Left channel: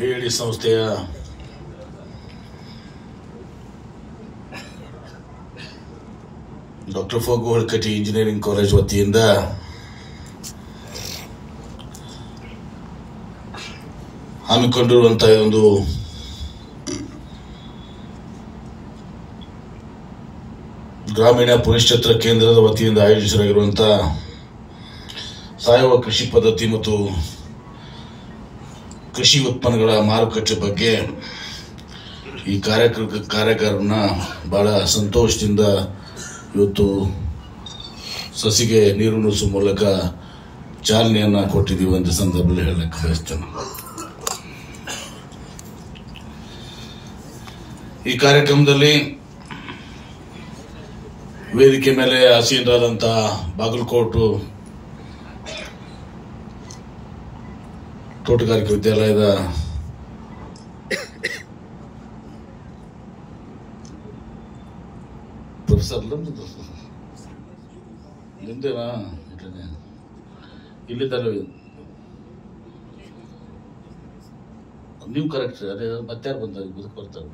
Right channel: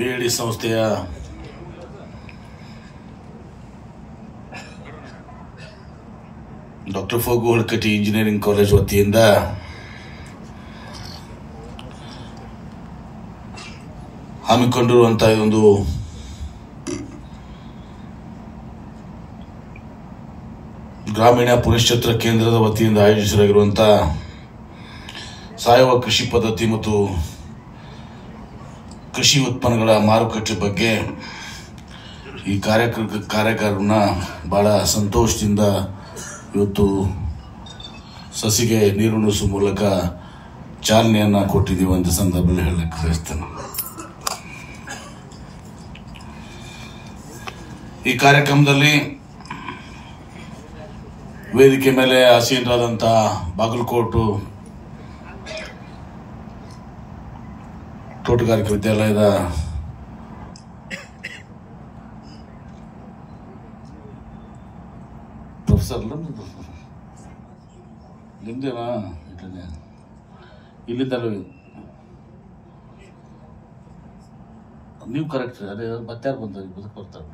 ಬೇಡಿ ಸಂಸ್ಥೆಯ doctor Phagu ಹಳ್ಕಟ್ಟಿ engineering college ವತಿಯಿಂದ ಹಮ್ಮಿಕೊಂಡಿರುವಂತಹ ಒಂದು ಗ್ರಾಮೀಣ ಪುನಶ್ಚೇತರ ಕೇಂದ್ರದ ವತಿಯಿಂದ ಆಯೋಜಿಸಲಾಗಿರುವಂತಹ ಸಾವಯವ ಕೃಷಿ ಪದ್ಧತಿ ಮತ್ತು ಕೃಷಿ ಉತ್ಪನ್ನಗಳ ಮಾರುಕಟ್ಟೆ ಬಗ್ಗೆ ಈ ಕಾರ್ಯಕ್ರಮ ಬಹಳ ಸಂತೋಷದಿಂದ ಇವತ್ತು ಸಸಿಗೆ ನೀರುಣಿಸುವ ಮೂಲಕ ಚಾಲನೆಯನ್ನ ಕೊಟ್ಟಿದ್ದೀವಿ ಅಂತ ಸಂದರ್ಭದಲ್ಲಿ ಹೇಳಕ್ಕೆ ಬಯಸ್ತೇನೆ. ಈ ಕಾರ್ಯಕ್ರಮದಲ್ಲಿ ವೇದಿಕೆ ಮೇಲೆ ಆಸೀನರಾದಂತಹ ಬಾಗಲಕೋಟೆ ತೋಟಗಾರಿಕೆ ವಿದ್ಯಾಲಯದ ಪ್ರೊಫೆಸರ್ ಹಿಂದೆನಾ ಇಲ್ಲಿದ್ದಾರೆ ನೀವು ಕರೆಕ್ಟ್ ಅದೇ ಮತ್ತೆ ಬಂತಾರೆ ಬದುಕು ಬರ್ತಾರೆ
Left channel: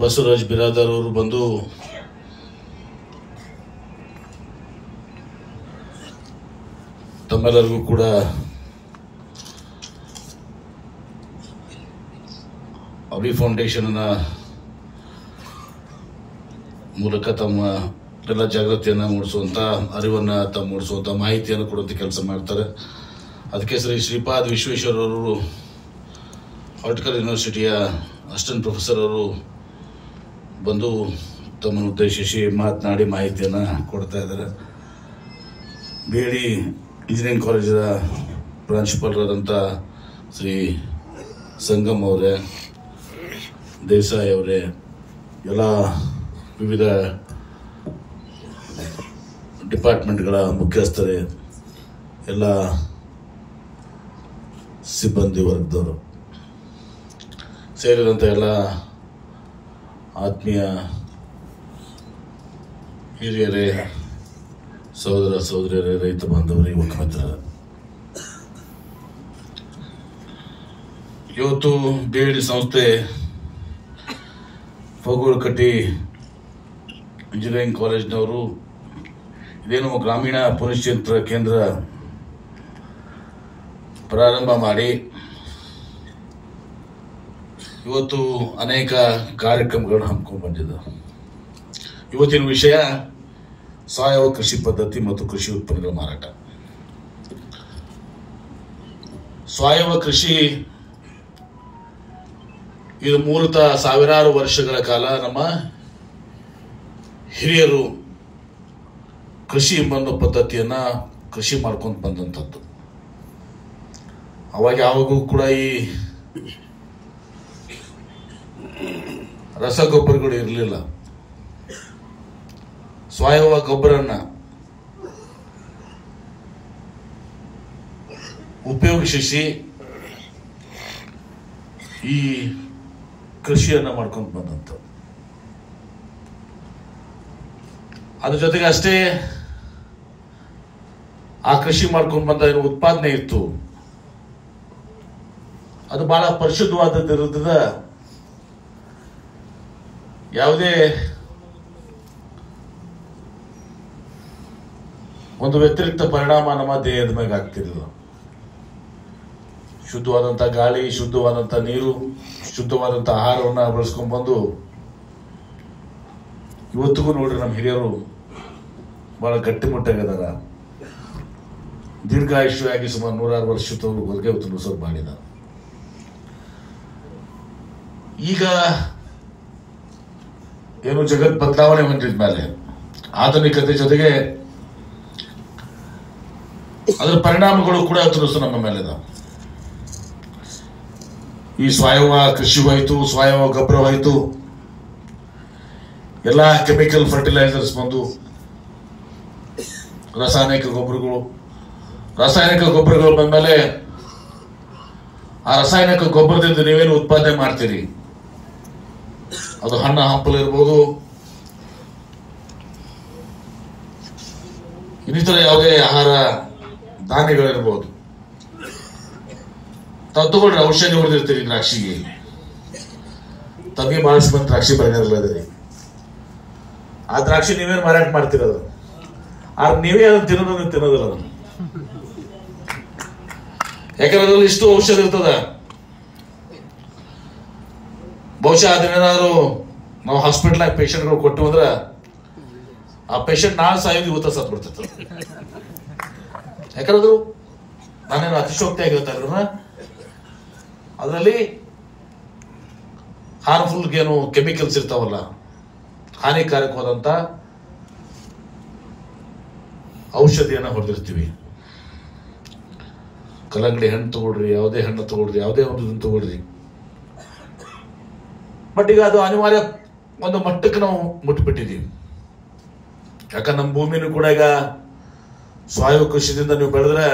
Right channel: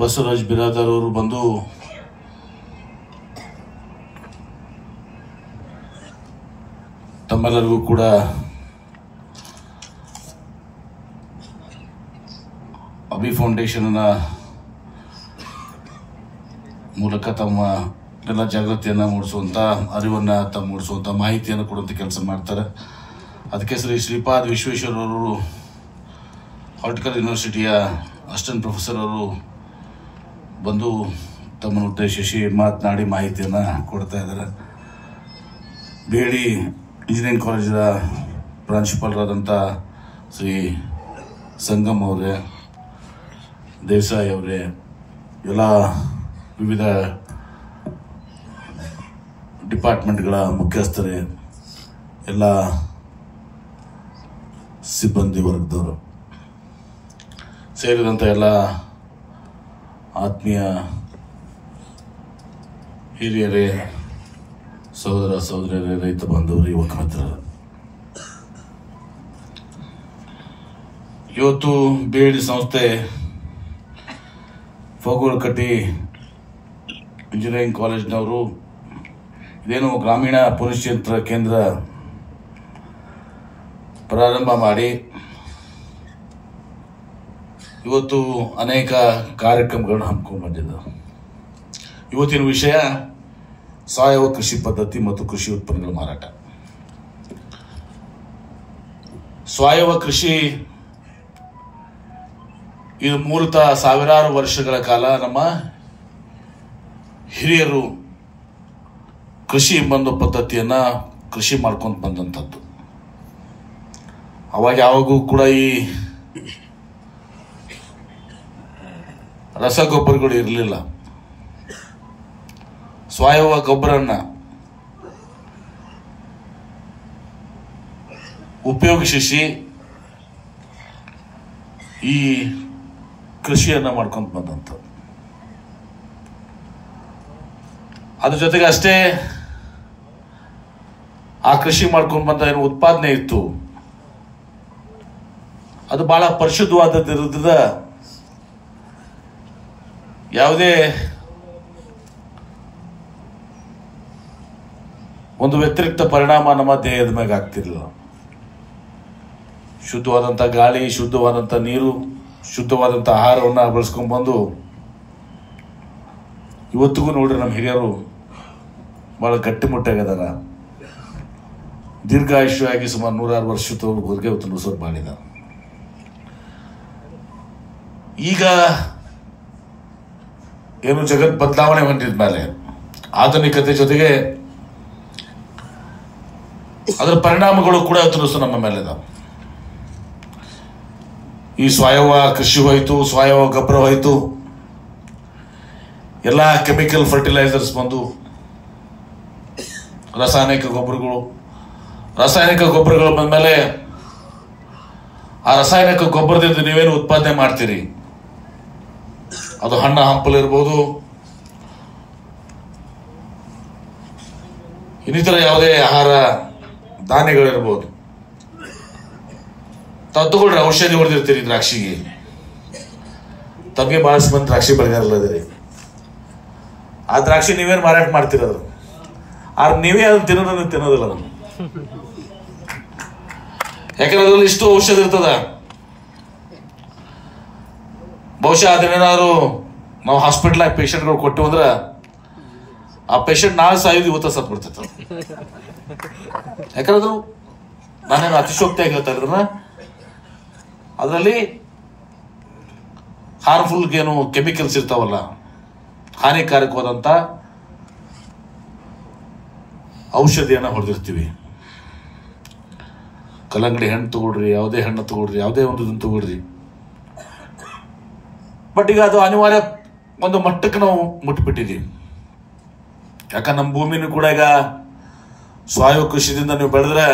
ಬಸವರಾಜ್ ಬಿರಾದರ್ ಅವರು ಬಂದು ತಮ್ಮೆಲ್ಲರಿಗೂ ಕೂಡ ಅಭಿ ಫೌಂಡೇಶನ್ ಮೂಲಕ ತಮ್ಮ ಎಲ್ಲ ಜಾಗೃತಿಯನ್ನು ಮೂಡಿಸುವಂತ ಅರಿವನ್ನ ಮೂಡಿಸುವಂತ ಮಾಹಿತಿಯನ್ನು ಕೊಡುವಂತ ಕೆಲಸ ಮಾಡ್ತಾರೆ. ಅದಕ್ಕೆ ಶ್ರೀಪಾದ್ ವಿಶ್ವೇಶ್ವರ ಅವರು ಹಾರ್ಟಿಕಲ್ ಯೂನಿವರ್ಸಿಟಿಯ ಅಸಿಸ್ಟೆಂಟ್ ಪ್ರೊಫೆಸರ್ ಅವರು ಬಂದು ತಮ್ಮನ್ನು ಉದ್ದೇಶಿಸಿ ಮಾತನಾಡಿ ಮಾಹಿತಿಯನ್ನು ಕೊಡ್ತಾ ಇದ್ದಾರೆ. ಬೇಡಿ ಇಂಜಿನಿಯರಿಂಗ್ ಕಾಲೇಜಿನ ಪ್ರಾಂಶುಪಾಲರಾದಂಥ ಶ್ರೀ ಸಂಗಮ್ ಅವರೇ, ದೇಸಾಯಿ ಅವರೇ, ಎಲ್ಲ ವಿವಿಧ ಡಿಪಾರ್ಟ್ಮೆಂಟ್ಗಳ ಮುಖ್ಯಸ್ಥರೇ, ಎಲ್ಲ ಸಿಬ್ಬಂದಿ ವರ್ಗದವರು ಸೇರಿದಂಥ ಎಲ್ಲ ಆತ್ಮೀಯ ಹಿರಿಯರೇ, ಸಹೋದರ ಸಹೋದರಿಯರೇ, ರೈತ ಬಾಂಧವರು, ಯುವಕ ಮಿತ್ರರು, ಇವತ್ತು ಬೇಡಿ ಸಂಸ್ಥೆ ಫಗು ಹಳ್ಕಟ್ಟಿ ಇಂಜಿನಿಯರಿಂಗ್ ಕಾಲೇಜಿನವರು ಇದೇನು ಗ್ರಾಮೀಣ ಪುನಶ್ಚೇತರ ಕೇಂದ್ರ ಪ್ರಾರಂಭ ಮಾಡಿ ಇವತ್ತು ಅನೇಕ ಕಾರ್ಯಕ್ರಮಗಳನ್ನು ಹಮ್ಮಿಕೊಂಡು ಬಂದಿದ್ದಾರೆ. ಇವತ್ತಿನ ವಿಷಯ ಸಾವಯವ ಕೃಷಿ ಪದ್ಧತಿ ಮತ್ತು ಕೃಷಿ ಉತ್ಪನ್ನಗಳ ಮಾರಾಟ. ಸಾವಯವ ಕೃಷಿ ಇದು ಮೂಲತಃ ಸಾವಿರಾರು ವರ್ಷಗಳ ಕಾಲ ನಮ್ಮ ಹಿರಿಯರು ಕೃಷಿ ಎಂಬ ಪದ್ಧತಿಯನ್ನ ಕೃಷಿ ಮಾಡ್ಕೊಂಡು ಬಂದಂಥದ್ದು. ಅವಾಗ ಯಾವಾಗೂ ಕೂಡ ಈ ರಸಗೊಬ್ಬರಗಳು ಇರಲಿಲ್ಲ. ಸಾವಯವ ಗೊಬ್ಬರನ್ನ ಉಪಯೋಗಿಸಿ ಈ ಕೃಷಿಯನ್ನ ಮಾಡ್ಕೊಂಡು ಬಂದಂಥದ್ದು. ಅದ್ರ ಜೊತೆಗೆ ಅಷ್ಟೇ ಆ ಕೃಷಿ ಮಾಡ್ಕೊಂಡು ಬಂದ ಏನು ಉತ್ಪಾದನೆ ಇತ್ತು ಅದು ಬಹಳ ಪರಿಶುದ್ಧವಾದದ್ದಿರೋದ್ರಿಂದ ಯಾವುದೇ ಒಂದು ವ್ಯತಿರಿಕ್ತ ಪರಿಣಾಮ ನಮ್ಮ ದೇಹದ ಮೇಲೆ ಆಗ್ತಿರಲಿಲ್ಲ. ಶುದ್ಧವಾದಂಥ ಗಾಳಿ, ಶುದ್ಧವಾದಂಥ ನೀರು, ಶುದ್ಧವಾದಂಥ ಆಹಾರವನ್ನು ಬಳಸ್ಕೊಂಡು ಬಂದು ಇವತ್ತಿಗೂ ನೋಡ್ರಿ ನಮ್ಮ ಹಿರಿಯರು ಬಹಳ ಗಟ್ಟಿಮುಟ್ಟಾಗಿದ್ದಾರೆ. ದೀರ್ಘಾಯುಷ್ಯಾಗಿ ಸುಮಾರು 106 ವರ್ಷದವರೆಗೆ ಅವತ್ತು ನುಸುರು ಮಾಡಿದ. ಈಗ ಏನು ಜಗತ್ ಬದಲಾವಣೆ ಹೊಂದಿದ ಮೇಲೆ ಆಧುನಿಕತೆ ಜೊತೆಗೆ ಅದರ ಪರಿಣಾಮಗಳು ಕೂಡ ತುರುಸು ನಮ್ಮ ಮೇಲಿದೆ. ಈ ಸಾವಯವ ಕೃಷಿ ಹೋಯ್ತು, ಸಾವಯವ ಗೊಬ್ಬರ ಹೋಯ್ತು, ಎಲ್ಲ ಕೆಮಿಕಲ್ ಫರ್ಟಿಲೈಸರ್ಸ್ ಬಂದು ರಾಸಾಯನಿಕ ಗೊಬ್ಬರಗಳು ಬಂದ ಮೇಲೆ ಆ ರಾಸಾಯನಿಕ ಗೊಬ್ಬರದಿಂದ ನೀವೇನು ಉತ್ಪಾದನೆ ಮಾಡ್ತೀರಿ, ಅದು ಹಣ್ಣು ಹಂಪಲು ಇರ್ಬೋದು, ಇನ್ನಿತರ ಯಾವುದೇ ಆಹಾರ ಧಾನ್ಯಗಳಿರ್ಬೋದು, ತಗೊಳ್ರಿ, ಔಷಧಿ ಹೊಡೆದಿರ್ತೀರಿ ದ್ರಾಕ್ಷಿಗೆ. ತಮಗೆ ಬಹಳಷ್ಟು ಮಂದಿ ದ್ರಾಕ್ಷಿ ಬೆಳೆಗಾರಲ್ಲ ಅದ್ರಿ. ಆ ದ್ರಾಕ್ಷಿ ನೀವೇನು ಮಾರಾಟ ಮಾಡ್ತಿರೋದು, ಆದ್ರೆ ನೀವೇ ಅದನ್ನ ತಿನ್ನೋದಿಲ್ಲ ಅದನ್ನು. ಯಾಕಂದ್ರೆ ಅದ್ರಲ್ಲಿ ಇಷ್ಟು ಔಷಧ ಇರ್ತದ. ಬಹುಶಃ ಅದನ್ನೇನಾದ್ರು ನಾವು ಹಾಸ್ಪಿಟಲ್ ಪೇಷಂಟ್ಗಳು ಕೊಟ್ಟು ಅಂದ್ರೆ ಆ ಪೇಷಂಟ್ ನಾಳೆ ಸಾಯೋದು ಇವತ್ತ ಸತ್ ಬಿಡ್ತಿತ್ತು. ಯಾಕಂದ್ರೆ ಅದು ನಾನೇನು ಅತಿಶೋಕ್ತಿಯಾಗಿ ಹೇಳ್ತಾ ಇದ್ರ ಅದರಲ್ಲಿ ಹಾರ್ಮ್ಫುಲ್ ಏನು ಕೆಮಿಕಲ್ಸ್ ಇರ್ತಾವಲ್ಲ, ಹಾನಿಕಾರಕವಾದಂತ ಔಷಧಿಯನ್ನ ಹೊಡೆದಿರ್ತೀವಿ. ಕಲ್ಲಂಗಡಿ ಹಣ್ಣು ತಗೊಳ್ರಿ, ಯಾವುದೇ ಹಣ್ಣು ತಗೊಳ್ರಿ, ಯಾವುದೇ ಒಂದು ಇದನ್ನು ತಗೊಳ್ರಿ. ಬಟ್ ಈಗ ಅದು ಅನಿವಾರ್ಯ ಒಂದು ಮಟ್ಟಕ್ಕೆ ನಾವು ಮುಟ್ಬಿಟ್ಟಿದ್ದೀವಿ. ಯಾಕಂದ್ರೆ ನಮ್ಮ ಭೂಮಿನೂ ಕೂಡ ಈಗ ಸಾವಯವ ಕೃಷಿದಿಂದ ನೀವು ಬೆಳೆದ್ರೆ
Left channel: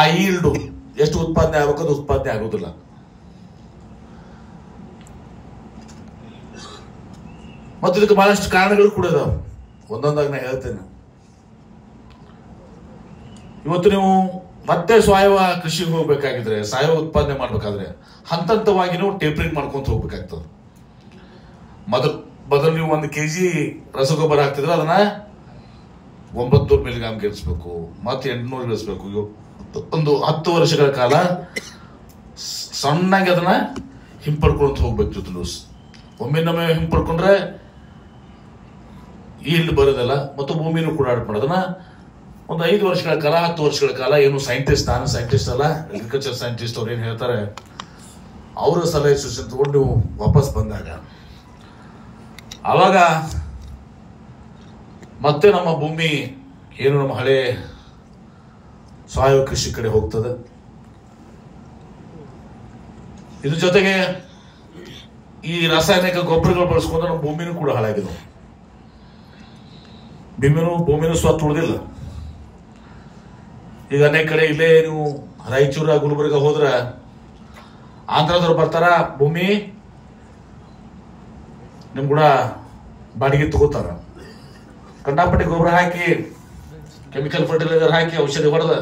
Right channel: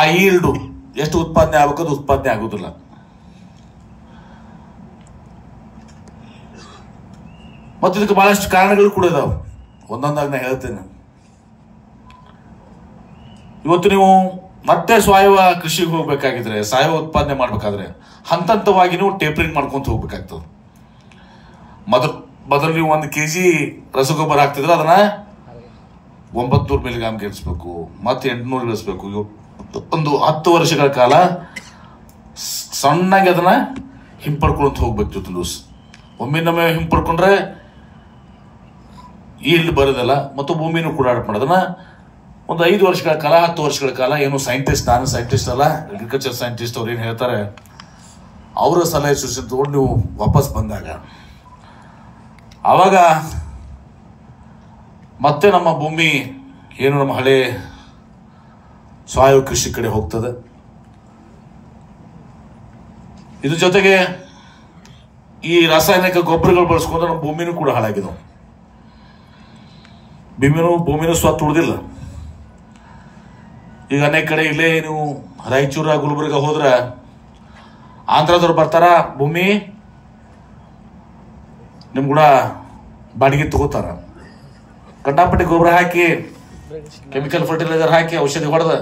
ಆ ಈಲ್ಡು ಎಷ್ಟು ಉತ್ಪಾದನೆ ಆಗಬೇಕು ಅದು ಉತ್ಪಾದನೆ ಆಗುದಿಲ್ಲ. ಮತ್ತು ಇದಕ್ಕೆ ಬಹಳಷ್ಟು ಕಾರಣಗಳು ಕೂಡ ಇದಾವೆ, ಒಂದೊಂದಾಗಿ ನಾನು ಹೇಳ್ತೇನೆ. ಇವತ್ತು ನೀವು ಮತ್ತೆ ಸಾವಯವ ಕೃಷಿಗೆ ಹೋಗ್ಬೇಕಾಗಿದ್ರೆ, ಸಾವಯವ ಉತ್ಪಾದನೆ ಮಾಡ್ಬೇಕಾದ್ರೆ ಹಂತವಾಗಿ ನೀವು ಟೇಪರಿಂಗ್ ಮಾಡ್ಕೊಂತ ಹೋಗ್ಬೇಕಾಗ್ತದೆ. ಮೊದಲು ನೀವು 1 kg ರಸಗೊಬ್ಬರ ಹಾಕ್ತಿದ್ರೆ ಅದನ್ನ 900 ಮಿಲಿಗ್ರಾಮ್ ಗೆಲ್ಸ್ಬೇಕು, ಮತ್ತೆ 800 ಗೆಲ್ಸ್ಬೇಕು. ಒಂದು 10 ವರ್ಷಗಳ ಕಾಲ ಸಣ್ಣಾಗಿ ಅದನ್ನ ಹಿಂಪಡ್ಕೊಂತ ಹೋಗ್ಬೇಕು. ಜೊತೆ ಒಮ್ಮೆ ನಮ್ಮೆ ಹಿಂಪಡ್ಕೊಂಡ್ರೆ ಈಲ್ಡ್ ಬರೋದಿಲ್ಲ ಮತ್ತು ಭೂಮಿನೂ ಕೂಡ ಆಟ ಮಾಡೋದನ್ನ ಒಂದು 5 ವರ್ಷಗಳ ಕಾಲ 10 ವರ್ಷಗಳ ಕಾಲ ಏನು ಸೈಂಟಿಸ್ಟ್, ನಾನು ಸೈಂಟಿಸ್ಟ್ ಅಲ್ಲ, ಅಗ್ರಿಕಲ್ಚರ್ ಸೈಂಟಿಸ್ಟ್ ಅವ್ರು ಏನ್ ಹೇಳ್ತಾರೆ ಅವರ ಸಲಹೆ ಸೂಚನೆ ತಗೊಂಡು ನೀವು ವಾಪಸ್ ಬಂದಾಗ ಆವಾಗ ಮತ್ತೆ ನಮ್ಮ ಭೂಮಿ ಏನು ನಮ್ಮ ಹಳೆ ಸಾವಯವ ಕೃಷಿ ಕಡೆ ಹೋಗ್ತದೆ. ಇದ್ರ ಜೊತೆಗೆ ಈ ರಾಸಾಯನಿಕ ಗೊಬ್ಬರಗಳು ಬಳಸ್ಕೊಂಡ್ರೆ ನಮ್ಮ ಭೂಮಿನೂ ಕೂಡ ಹಾಳಾಗಿದೆ. ಭೂಮಿನೂ ಸ್ವತ್ತು ಉಳಿದಿಲ್ಲ. ಈಗ ಅನೇಕ ಕಡೆ ಇಲ್ಲೇ ನೀವು ರಾಯಚೂರ ಗುಲ್ಬರ್ಗ ಹೋದ್ರ ಆಂಧ್ರದವ್ರು ಬರ್ತಾರ, ಭೂಮಿ ನಿಮ್ ಕೂಡ ಬಾಡಿಗೆ ತಗೋತಾರ. ಕಂಡಾಪಟ್ಟಿ ಗೊಬ್ಬರ ಹಾಕಿ, ಕೆಮಿಕಲ್ ಫರ್ಟಿಲೈಸರ್ ಹಾಕಿ, ಔಷಧಿ ಹೊಡೆದ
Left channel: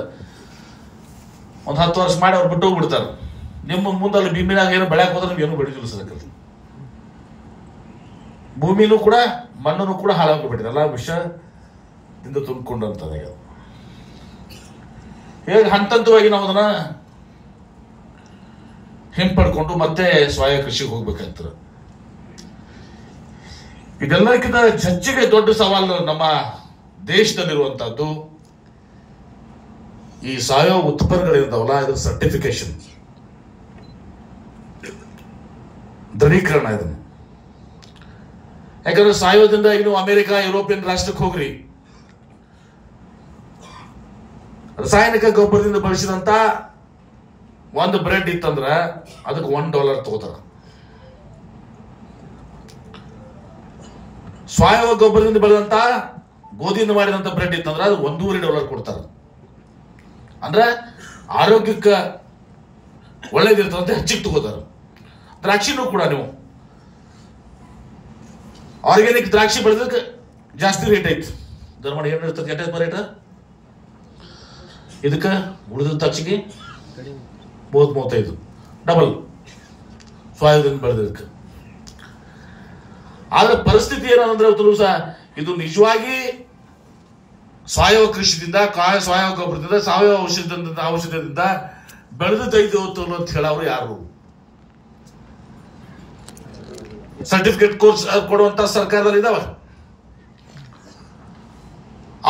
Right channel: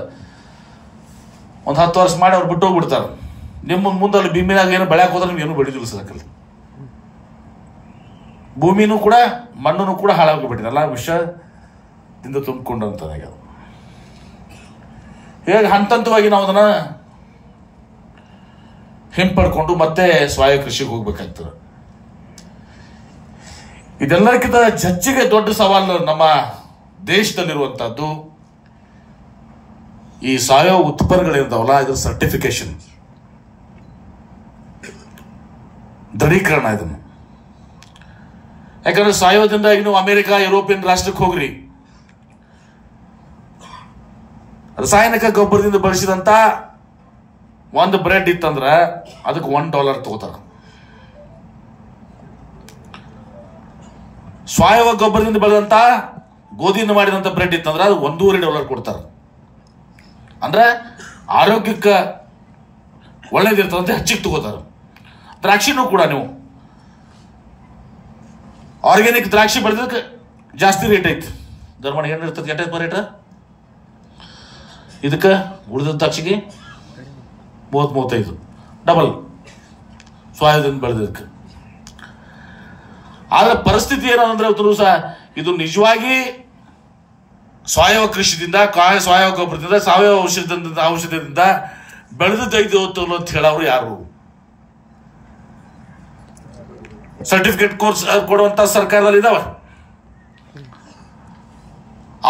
ಒಂದು 10 ವರ್ಷ ಮಾಡಿ ಅವ್ರು ಬಿಟ್ಟು ಹೋಗ್ಬಿಡ್ತಾರ. ನಿಮ್ಮ ಮುಂದೆ ಅಲ್ಲಿ ಭೂಮಿನಾಗ ಏನು ಬೆಳೆಯಕ್ಕೆ ಹೋದ್ರೆ ನಿಮ್ಗೆ ಏನು ಬೆಳೆದಿಲ್ಲ ಸರಕಲ್ಲ. ಭೂಮಿನೂ ಕೂಡ ಮಣ್ಣನ್ನು ಕೂಡ ಹಾಳಾಗ್ಬಿಟ್ಟಿದೆ, ಎಲ್ಲ ವಿಷದಿಂದ ತುಂಬಿಕೊಂಡು ಅಂತದ. ಹೇಗೆ ಹಂತವಾಗಿ ನಾವು ಅದನ್ನ ಹಿಂಪಡ್ಕೊಂಡು ಮತ್ತೆ ಸಾವಯವ ಕೃಷಿಗೆ ಹೋಗ್ಬೇಕಾಗ್ತದೆ. ಇದೆಲ್ಲಕ್ಕಿಂತ ಹೆಚ್ಚಿಗೆ ದೊಡ್ಡ ಸವಾಲು ನಮ್ಮ ದೇಶದಲ್ಲಿರುವಂತಹದ್ದು ಈ ಸಾವಯವ ಉತ್ಪನ್ನಗಳಿರ್ತಾವಲ್ಲ, ಇದರ ಸರ್ಟಿಫಿಕೇಶನ್, ದೃಢೀಕರಣ. ಇದನ್ನು ಯಾಕಂದ್ರೆ ಸಾವಯವದಿಂದ ಇನ್ನು ಅಮೆರಿಕ, ಯುರೋಪಿಯನ್ ರಾಷ್ಟ್ರಕ್ಕೆ ಹೋಗ್ರಿ, ರಾಸಾಯನಿಕ ಗೊಬ್ಬರದಿಂದ ಬಳಸಿದಂತ ಒಂದು ಬ್ರೆಡ್ ಇತ್ತಂದ್ರ ಅದಕ್ಕೆ $1 ತಗೋತಾರ. ಸಾವಯವ ಗೊಬ್ಬರದಿಂದ ಬೆಳೆದಂತ ಗೋಧಿಯಿಂದ ಮಾಡಿದಂತ ಬ್ರೆಡ್ ಇತ್ತಂದ್ರ ಅದು $1.5 ಕೊಡ್ತಾರ. ಅಂದ್ರೆ ಆರೋಗ್ಯಕ್ಕೆ ಒಳ್ಳೇದಿರ್ತದಂತೆ ಹೆಚ್ಚಿಗೆ ತಗೋತಾರ. ದ್ರಾಕ್ಷಿನೂ ಕೂಡ ನೀವು ಆರ್ಗ್ಯಾನಿಕ್ ದ್ರಾಕ್ಷಿ ಬೆಳೆದಕ್ಕೆ ಜಾಸ್ತಿ ರೇಟ್ ಐತಿ. ಧರ್ಮಣ ಏನಿರ್ತದೆ ಎಷ್ಟೇ ರೇಟ್? ಇದಕ್ಕೆ ಉಳಿದ ದ್ರಾಕ್ಷಿಗೆ 30-35 ಡಬಲ್ ಸಾವಯವದಿಂದ ಬೆಳೆದಕ್ಕೆ. ಆದ್ರೆ ಪರಿಸ್ಥಿತಿ ಏನಂದ್ರೆ ಸಹ ಇದು ನಿಜವಾಗಿ ಸಾವಯವ ಕೃಷಿದಿಂದ, ಸಾವಯವ ಗೊಬ್ಬರದಿಂದ, ಸಾವಯವ ಔಷಧದಿಂದ ಬೆಳೆದೈದು ಅಂತ ಹೇಳೋರು ಯಾರು? ಸರ್ಟಿಫಿಕೇಟ್ ಕೋರ್ಸ್ ಕೊಡುವಂತ ಸರ್ಕಾರದಲ್ಲಿ ಇದಾವ.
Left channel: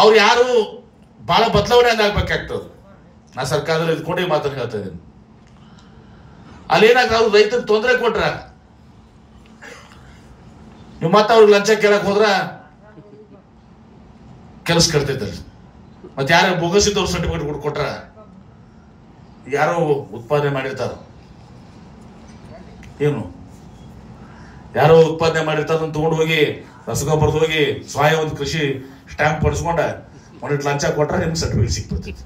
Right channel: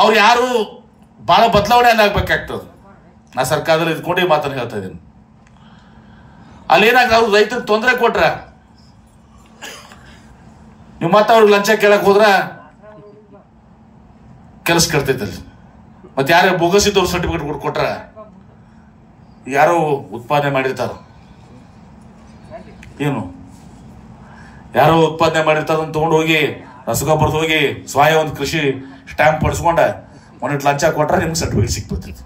ಅವ್ರು ಯಾರು ಬಹಳ ಬದಲಾವಣೆ ಆಗ್ಬೇಕಾಗ್ತದೆ. ನಾ ಸರ್ಕಾರದಲ್ಲಿ ಇದ್ಕೊಂಡೇ ಮಾತನ್ನು ಹೇಳ್ತಾ ಇದ್ದೀನಿ. ಅಲ್ಲೇನಾಗ ಅವ್ರು ರೈತರಿಗೆ ತೊಂದರೆ ಕೊಟ್ರ ನೀವು ಮತ್ತೆ ಅವ್ರಿಗೆ ಲಂಚ ಕೇಳಕ್ ಹೋದ್ರ ಕೆಲಸ ಕಟ್ತೈತಲ್ಲಿ. ಮತ್ತೆ ಯಾರೇ ಬೋಗಸಿದ್ದವ್ರು ಸರ್ಟಿಫಿಕೇಟ್ ಕೊಟ್ರ, ಯಾರೋ ಉತ್ಪಾದನೆ ಮಾಡಿರ್ತಾರ, ಏನು ಯಾರೋ ಉತ್ಪಾದನೆ ಮಾಡಿರ್ತಾರ ತಗೊಂಡು ಹೋಗಿ ರಸಗೊಬ್ಬರದ ಹೋಗಿ ಸಾವಯವ ಒಂದು ಕೃಷಿ ಸ್ಟ್ಯಾಂಪ್ ಪಡಿಸ್ಕೊಂಡ ಒಂದಿಟ್ಟು ಲಂಚ ಕೊಟ್ರ ನಿಮ್ಗೆ ಸರ್ಟಿಫಿಕೇಟ್ ಸಿಕ್ಬಿಡ್ತೈತಿ.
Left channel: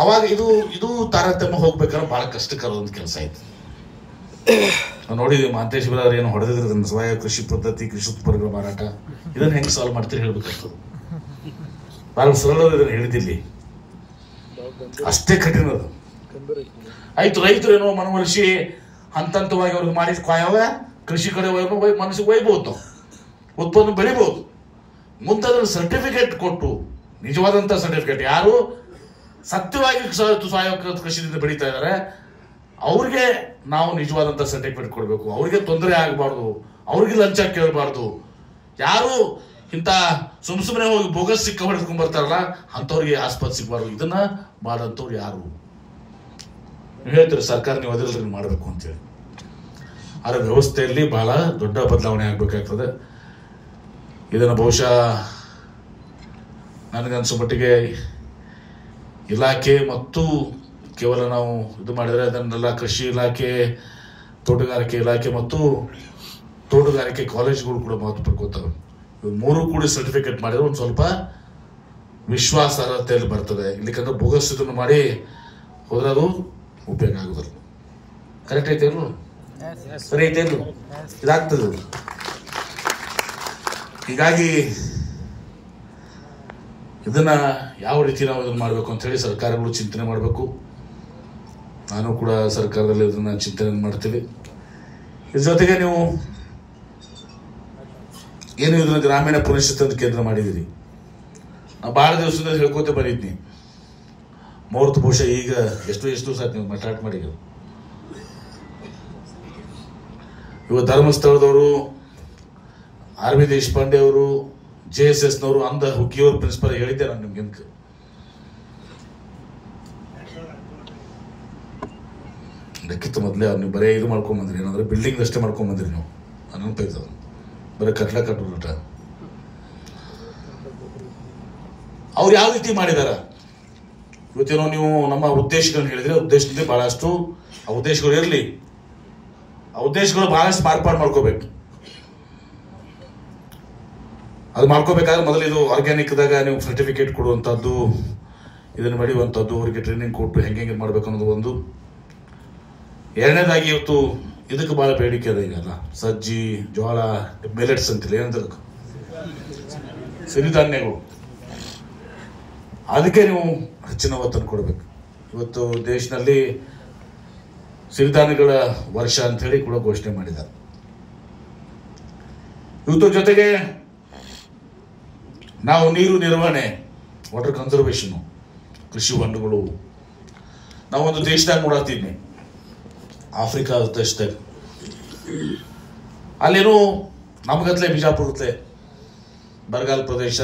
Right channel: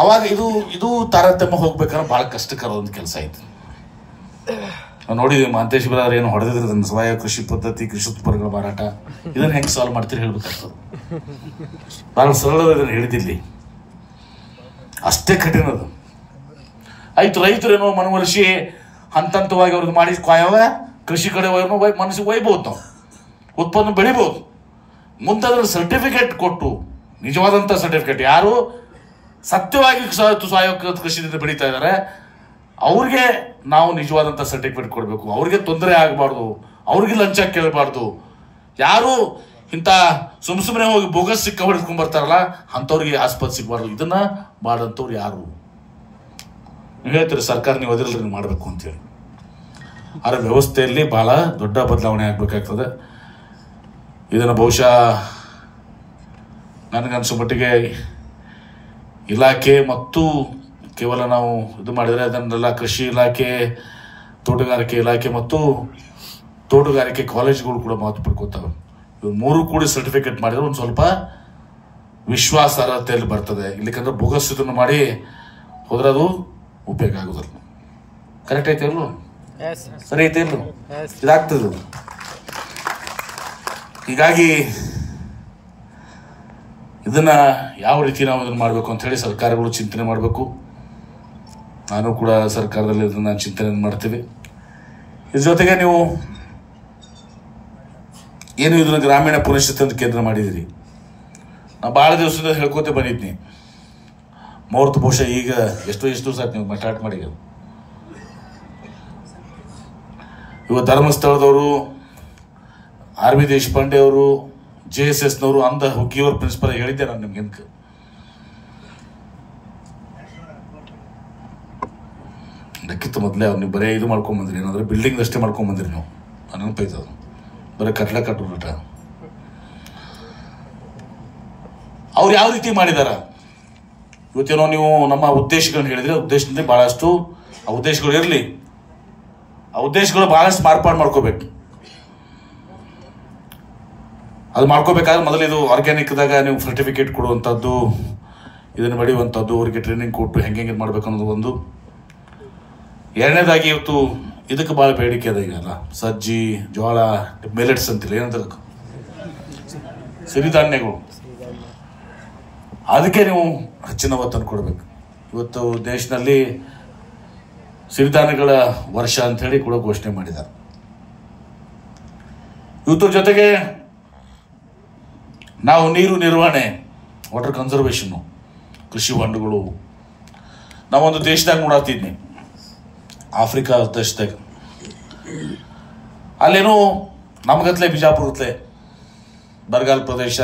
ಅವಾಗ ಇದು ತಾರತಮ್ಯ ಹೋಗ್ಬೇಕಾದ್ರೆ ಬಹಳ ಕಷ್ಟಕರ ಒಂದು ಕೆಲಸ ಆಯ್ತು. ನೋಡಿದ್ವಿ ಮಹಂತೇಶ್ ಬರ ಏನು ಹೊಡೆದಿದ್ರೆ ಸಾವಯವ ಕೃಷಿ ಪದ್ಧತಿ, ಕೃಷಿ ಉತ್ಪನ್ನಗಳ ಮಾರಾಟ, ಇದನ್ನ ಹೆಂಗ್ ಸಾಲ್ವ್ ಮಾಡ್ತೀರಿ ಹೇಳ್ಬೇಕಾಗ್ತದೆ. ಬಹಳ ಸರಳ ಇದನ್ನ ಹೇಳಿದಿಲ್ಲಿ. ಅಷ್ಟೇ ಕಠಿಣ ಅದು. ಆಯ್ತು, ರೈತರೇನೋ ಮನವರಿಸಿ ಹಂತವಾಗಿ ಅವ್ರಿಗೆ ಮಾಡಿ ಕಾಯವ ಕೃಷಿ ಕಡೆ ಮನಸ್ಸಿಗೆ ಒಯ್ಬೋದು, ಉತ್ಪನ್ನ ಬೆಳಿಬೋದು. ಮುಂದೆ ಅದ್ರ ಸರ್ಟಿಫಿಕೇಟ್ ಕೊಟ್ಟು, ನಿಜವಾದಂಥ ಸರ್ಟಿಫಿಕೇಟ್, ಯಾರು ಸತ್ಯವಾಗಿ ಸಾವಯವ ಕೃಷಿಯಿಂದ ಬೆಳೀತಾ ಇದ್ದಾರೆ ಅವ್ರಿಗೆ ನಾವು ನಿಜವಾದಂಥ ಸರ್ಟಿಫಿಕೇಟ್ ಕೊಡಬೇಕು. ಅವ್ರಿಗೆ ತೊಂದರೆ ಆಗಬಾರ್ದು, ಅವ್ರಿಗೆ ಲಂಚ ಕೇಳಬಾರ್ದು. ಯಾರು ಇಂಥ ಸುಮ್ಮನೆ ಹೋಗಿ ಬೋಗಸ್ ಸಿಕ್ಕ ಹೊಡೆದ್ಕೊಂಡ್ ಬರ್ತಾರಲ್ಲ ಅಂಥವ್ರಿಗೆ ಆಸ್ಪತ್ರೆ ಸಿಗಬಾರ್ದು. ಇದನ್ನ ಮಾಡಂತವ್ರು ಯಾರು? ನೀವು ಹೇಳ್ತೀರಿ ಸರ್ಕಾರ ನೀವು ಅದರಲ್ಲಿ ಮಾಡಬೇಕು ಅಂತೇಳಿ. ಅದರ ವ್ಯವಸ್ಥೆಯಲ್ಲಿ ಬಹಳ ದೊಡ್ಡ ಬದಲಾವಣೆ ಆಗ್ಬೇಕಾಗ್ತದೆ. ಇದನ್ನು ಬಹುಶಃ ನನಗನ್ಸೋ ಮಟ್ಟಿಗೆ ಇಲಾಖೆ ಮತ್ತು ಕೇವಲ ನಾವು ಇದು ಮಾಡಿದರೆ ಅದನ್ನೆಲ್ಲ ಕೃಷಿ ಇಲಾಖೆ, ತೋಟಗಾರಿಕೆ ಇಲಾಖೆ ಮತ್ತು ತೋಟಗಾರಿಕೆ ಕಾಲೇಜುಗಳು ಕೂಡ ಮಹತ್ವ ಪಡ್ಕೋತವೆ. ಇವು ಮೂರು ಕೂಡಿ ಸರ್ಟಿಫಿಕೇಟ್ ಮಾಡಿದ್ರೆ ಒಂದು ಸ್ವಲ್ಪ ವಿಶ್ವಾಸಾರ್ಹತೆಯಲ್ಲಿ ಬರ್ತದೆ. ಇಲ್ಲಿಕಂದ್ರೆ ಬೋಗಸ್ ಇದನ್ನು ಮಾಡಿ ಹೋದ್ರೆ ಅದು ಉಪಯೋಗ ಆಗುದಿಲ್ಲ. ಕರೆಕ್ಟ್ ಐತೆ ಅಲ್ವ? ಸರಿ ಐತೆ ಅಲ್ವ? ಇದಾಗ್ತದೆ. ಹೀಗಾಗಿ ಇದನ್ನ ಯಾವ ರೀತಿ ನಾವು ಇದನ್ನ ಮಾಡಬೇಕು ಅಂತ ಹೇಳಿ ಸರ್ಕಾರಗಳು ಚಿಂತನೆ ಮಾಡಬೇಕು. ನಾನು ಕೂಡ ಸರ್ಕಾರದಲ್ಲಿ ಇದನ್ನ ಚಿಂತನೆ ಮಾಡ್ತೀವಿ. ಇದ್ರ ಜೊತೆಗೆ ನೀವು ಏನು ಇದನ್ನ ಗ್ರಾಮೀಣ ಪುನಶ್ಚೇತನ ಅಂತ ಕೇಂದ್ರ ಮಾಡಿದಿರಿ. ನಾ ಬಹಳ ದಿವಸದಿಂದ ಹೇಳ್ಕೋತೆ ಬಂದಿದ್ನಿ. ಮುಹೂರ್ತ ಬಹುಶಃ ಈಗ ಎಷ್ಟು ದಿವಸ ಆಯ್ತು ನೀವು ಸ್ಟಾರ್ಟ್ ಮಾಡಿ. ಇವತ್ತು ಧರ್ಮಸ್ಥಳದವರು, ಆರ್ ವಿ ದೇಶಪಾಂಡೆ ಅವರು, JSS ನವರು, ಅಂದ ಹುಗ್ಗಿಯವ್ರ ಪ್ರಿನ್ಸಿಪಲ್ ಹೇಳಿದ್ದೆ ನಾನು ನಿಮ್ಗೆ. ಅದಕ್ಕಿಂತ ಮೊದಲೇ ಅವ್ರು ನೀವು ಬರೀ ಇದು ಮಾಡ್ಕೊಂಡ್ ಬಂದ್ರಿ, ಏನಂದ್ರೆ ಬಿಲ್ಡಿಂಗ್ ಅಷ್ಟೇ ಮಾಡ್ಕೊಂಡ್ ಬಂದ್ರಿ ನೀವು. ನನಗೆ ಬರೀ ಕಟ್ಲ ಕಟ್ಟುಬಿಟ್ಟ. ಅವ್ರು ಯಾವ ರೀತಿ ಮಾಡಿದಾರ ಇವತ್ತೇನೋ ನೀವು ನಮ್ಮ ಉದ್ದೇಶಗಳನ್ನ ಹೇಳಿದ್ರೆ, ಉದ್ದೇಶದಲ್ಲಿ ಬಹಳಷ್ಟು ಆ ಉದ್ದೇಶಗಳು ಇರಲಿ, ಆ ಉದ್ದೇಶಗಳು ಬಹಳಷ್ಟು ಮಾರ್ಪಾಡು ಮಾಡ್ಕೋಬೇಕು. ಅದು ಮಾಡ್ಕೋಬೇಕಾದ್ರೆ ಮೊದಲು ಇದು ಆರ್ಗ್ಯಾನಿಕ್ದಾಗ ನೀವು ಸರ್ಟಿಫಿಕೇಟ್ ಕೊಡುವಂಥದ್ದು, ಇದನ್ನು ಬೆಳೆಯುವಂಥದ್ದು, ಅವರಿಗೆ ಟ್ರೈನಿಂಗ್ ಕೊಟ್ಟು ಹೆಂಗೆ ಮಾಡ್ಬೇಕು ಅನ್ನೋದು ಒಂದು. ಎರಡನೇದಾಗಿ ಇವತ್ತು ಇದಕ್ಕೆ ಬಹಳ ಬೇಡಿಕೆ ಅದ. ಈಗಲ್ಲ ಸಜ್ಜಿ, ಜೋಳ, ಮಿಲೆಟ್ಸ್ ಅಂತಿಲ್ಲ, ಏನಂತ ಸಿರಿಧಾನ್ಯಗಳು, ಅದಕ್ಕೆ ನೀವು ಹೆಚ್ಚಿನ ಒತ್ತನ್ನು ಕೊಡಬೇಕು. ಇವತ್ತು ದೇಶದಲ್ಲಿ ಸಿರಿಧಾನ್ಯಗಳ ವರ್ಷ ಅಂತ ಹೇಳಿ ಕೂಡ ಘೋಷಣೆ ಮಾಡಿದ್ದಾರೆ. ಇವತ್ತು ಜೊತೆಗೆ ನಾವು ನೀರು ನಿರ್ವಹಣೆ, ವಾಟರ್ ಕನ್ಸರ್ವೇಷನ್, ಕೃಷಿ ಹೊಂಡಗಳು, ನಾವೊಂದು ದೇಶದಾಗ ನೋಡಾತಿದ್ನಿ, ಆಫ್ರಿಕಾ ದೇಶದಾಗ. ಅಲ್ಲೇನು ನಮ್ಗತ್ಲೆ ಬಿಜಾಪುರತ್ಲೆ ಬರಗಾಲ ಪ್ರದೇಶ,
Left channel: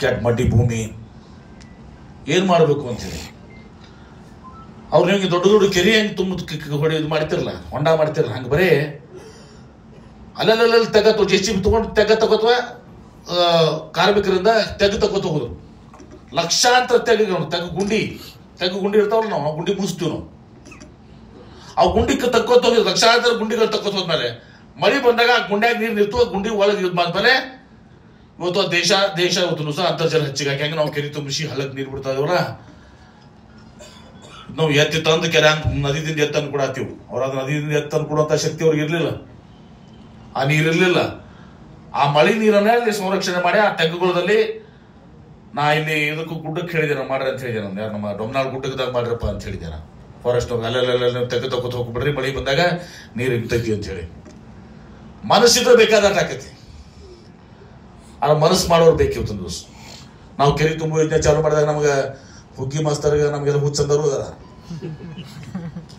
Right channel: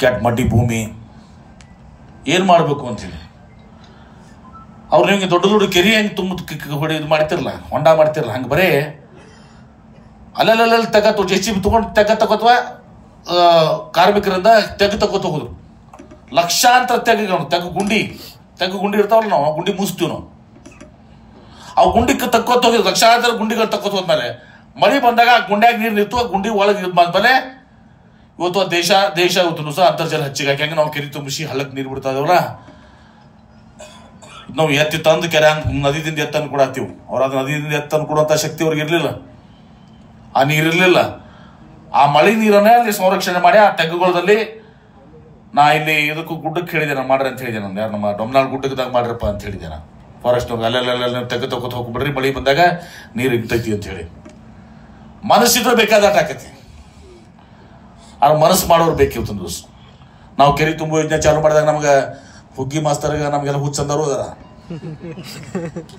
ಕ್ಯಾಟ್ ಮಡ್ಡಿ ಭೂಮಿ, ಏನ್ ಮಾಡಬೇಕು ಅಂತ ಹೇಳಿ ಅವ್ರು ನಿಮ್ಗೆ ದೊಡ್ಡ ದೊಡ್ಡ ಕೆರೆ ಹೆಂಗ್ ತುಂಬ ಇದು ಮಾಡ್ತಿರಲ್ಲ, ಹೊಂಡ ಮಾಡ್ತಿರಲ್ಲ, ಹಂಗೆ ಬರೇ ಅಲ್ಲೆಲ್ಲ ತೆಗತ್ತು JCB ತಗೊಂಡು ತಗೋತ್ವ ಕಾರ್ಮಿಕರಿಂದ ತಗೋತ ಹೋಗುದು. ಲಕ್ಷಾಂತರ ತೆಗ ಗುಂಡಿ ಇರ್ತಾವಲ್ಲ, ನಾವು ಗುಂಡಿ ಮುಗಿಸ್ತೀವಿ. ನಾವು ಆ ಗುಂಡಿ ತಕ್ಕೋತ ಹೋಗಿದ್ವಿ, ಲಕ್ಷಾಂತರ ಗುಂಡಿಗಳು ತಕ್ಕೋತ ಹೋದ್ಮೇಲೆ ಮಳಿ ಬಂದಾಗ ಆ ಗುಂಡ್ಯಾಗ ನೀರು ನಿಂತು ಆ ಗುಂಡಿ ಒಳಗೆ ಇದು ಮಾಡ್ಮೇಲೆ ಇವತ್ತು ದೇಶ ಇವತ್ತು ಸಹ ಅಂತರ್ಜಲ ಹೆಚ್ಚಿಗಾಗಿ ಹೆಂಗೆ ನಾವು ಕೆರೆ ತುಂಬಿಸಿ ಹಳ್ಳಕ್ಕೆ ನೀರು ಬಿಡ್ತಾ ಇದೇವಲ್ಲ, ನಾವು ಎತ್ತಿ ತಂದು ಕೆರೆ ನದಿದಿಂದ ಎತ್ತನ್ನು ಕೂಡ ಹಾಕ್ತೀವಿ. ಅವ್ರ ಅದು ನದಿಯಿಂದ ಎತ್ತನ್ನು ಕೊಡುವಂತ ಶಕ್ತಿ ಅವ್ರಿಗೆ ಇರ್ಲಿಲ್ಲ, ಆ ನೀರಿರ್ಲಿಲ್ಲ. ಆ ಮಳೆ ನೀರನ್ನೇ ಅಲ್ಲಿ ಸಂರಕ್ಷಣೆ ಮಾಡಿ ಆ ತೆಗ್ಗುಗಳಲ್ಲಿ ನಾ ಇಲ್ಲಿ ಇದಕ್ಕೂ ಗುಡ್ಡಕ್ಕೆ ಹೇಳಿದೆ, ನಾನು ಮಾಡ್ರಿ ಅಂತ ಹೇಳಿದೆ. ನಾನು ನಮ್ಮ ಡೊಮ್ನಾಳ್ ಗುಡ್ಡದಾಗ ಮಾಡ್ರಪ್ಪ ಅಂತ ಹೇಳಿದೆ. ನಾ ಫಾರೆಸ್ಟ್ ಅಲ್ಲೆಲ್ಲ ತೆಗೆದು ಹೋಗ್ಬಿಡ್ರಿ, ಮಳೆ ಬಂದಾಗ ನೀರು ಇರ್ತೈತಿ ಅಂತ ಹೇಳಿ. ಮನಸ್ಸಿದ್ರೆ ಬೇಕಾದ ಆಕೈತಿ, ಆ ಮನಸ್ಸು ಮಾಡೋರು ಬೇಕಿತ್ತು ಒಂದು ದಿವಸ. ನಾವು ಕೆರೆ ತುಂಬ ಯೋಜನೆ ಚಾಲು ಮಾಡಿದಾಗ ನಮ್ಗೆ ಹುಗ್ಗಿ ಮಾಸ್ತರ್ ನಮ್ಗೆಲ್ಲ ಹುಚ್ಚಂದರು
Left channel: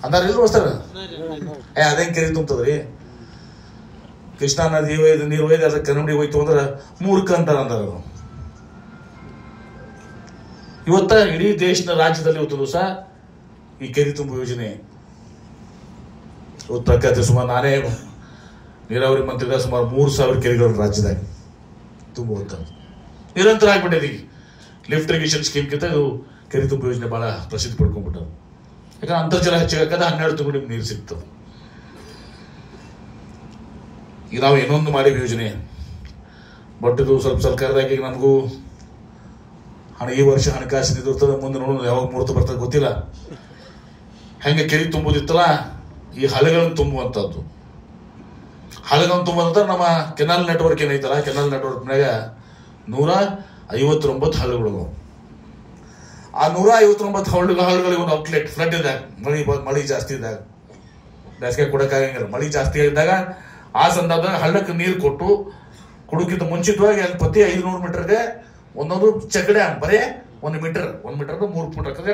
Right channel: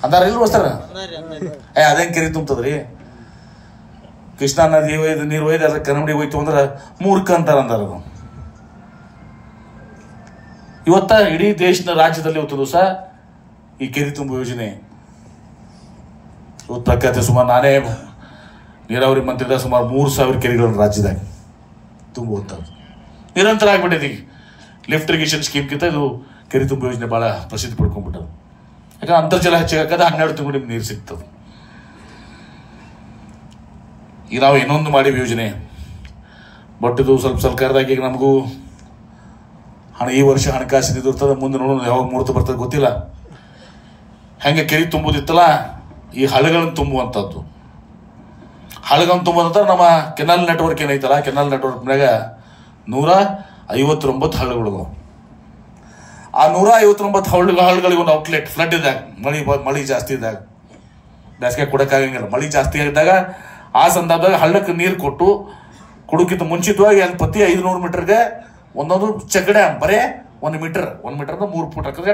ಅಂದಾರ ಇಲ್ಲ ಮಾಸ್ತರ, ಅದೇನ್ ಕೆರೆ ತುಂಬತದ್ರಿ, ಕೃಷ್ಣಾ ನದಿ ನೀರು ಒಯ್ದು ಅದ್ರ ಕನ್ನಡಿ ಹೋಯ್ತು ಅಂದ್ರೆ ಮೂರ್ಖ ಅಂತಾರ ಅಂದಾರ. ಇವತ್ತ ಇಡೀ ದೇಶದ ರಾಜ್ಯದಲ್ಲಿ ಇವತ್ತು ದಿವಸ ಈ ಕೆರೆ ತುಂಬ ಯೋಜನೆ ಪ್ರಖ್ಯಾತ. ಸುಮಾರು ನಾನೇ ನೀರಾವರಿ ಮಂತ್ರಿದ ಸುಮಾರು 3000 ಕೆರೆಗಳನ್ನು ರಾಜ್ಯದಾಗ ತುಂಬುವಂತ ನಿರಂತರ ಆಗ್ಬಿಟ್ಟಿದೆ. ಲಿಫ್ಟ್ ಇರಿಗೇಷನ್ ಸ್ಕೀಮ್ಗಿಂತ ಇದು ಕೆರೆ ತುಂಬ ಯೋಜನೆ ಬಹಳ ಪ್ರಸಿದ್ಧಿ ಪಡ್ಕೊಂಡ್ಬಿಟ್ಟದು. ಯಾಕಂದ್ರೆ ಅಂತರ್ಜಲ ಹೆಚ್ಚಾಗದ 12 ತಿಂಗಳು ನಿಮ್ಗೆ ನೀರು ಸಿಗ್ತದೆ. ಈಗ ನಾವು ಇನ್ನೊಂದು ಮಾಡಿವಿ ಯೋಜನೆ, ಬಟ್ ಇದು ಸ್ವಲ್ಪ ಸರ್ಕಾರದಾಗ ಈಗ ನಮಗೂ ಈ ವರ್ಷ ಹಣಕಾಸಿನ ಇದು ಇರ್ತದೆ, ಮುಂದೆ ನೋಡೋಣ ಯಾವಾಗ ಮುಹೂರ್ತ ಬರ್ತದೆ ಗೊತ್ತಿಲ್ಲ. ಹೆಂಗೆ ಕೆರೆ ತುಂಬುದಿತ್ತಲ್ಲ, ಈ ಹಳೆಗಳನ್ನು ತುಂಬುವಂಥದ್ದು. ಹಳೆಗಳನ್ನು ತುಂಬುವಂತ ನಮ್ಮ ಕೆನಾಲ್ ನೆಟ್ವರ್ಕ್ ಏನೈತಲ್ಲ, ಕೆನಾಲ್ ನೆಟ್ವರ್ಕ್ ಮ್ಯಾಗ 159 ಹಳೆಗಳು ಆ 159 ಹಳ್ಳಿಗಳಿಗೆ ಒಂದು ಔಟ್ಲೆಟ್ ಫ್ಲಡ್ ಇದ್ದಾಗ, ಮಳಿ ಜಾಸ್ತಿ ಇದ್ದಾಗ, ಬೇಸಿಗೆ ಕೊಡಕ್ಕಾಗಂಗಿಲ್ಲ, ಮಳಿ ಜಾಸ್ತಿ ಇದ್ದಾಗ ಆ ಸಂದರ್ಭದಾಗ ಹಳ್ಳಕ್ಕೆ ನೀರು ಕೊಟ್ಟು ಕುಡುಕಿಂತ ಮುಂಚಿತವಾಗಿ ಅಲ್ಲಿ ಪ್ರತಿ 500 ಮೀಟರ್ಗೆ ಒಂದೊಂದು ಚೆಕ್ ಡ್ಯಾಮ್ ಬರೇ 1 ಮೀಟರ್ 3 ಫುಟ್ ಹಾಕಿದ್ರೆ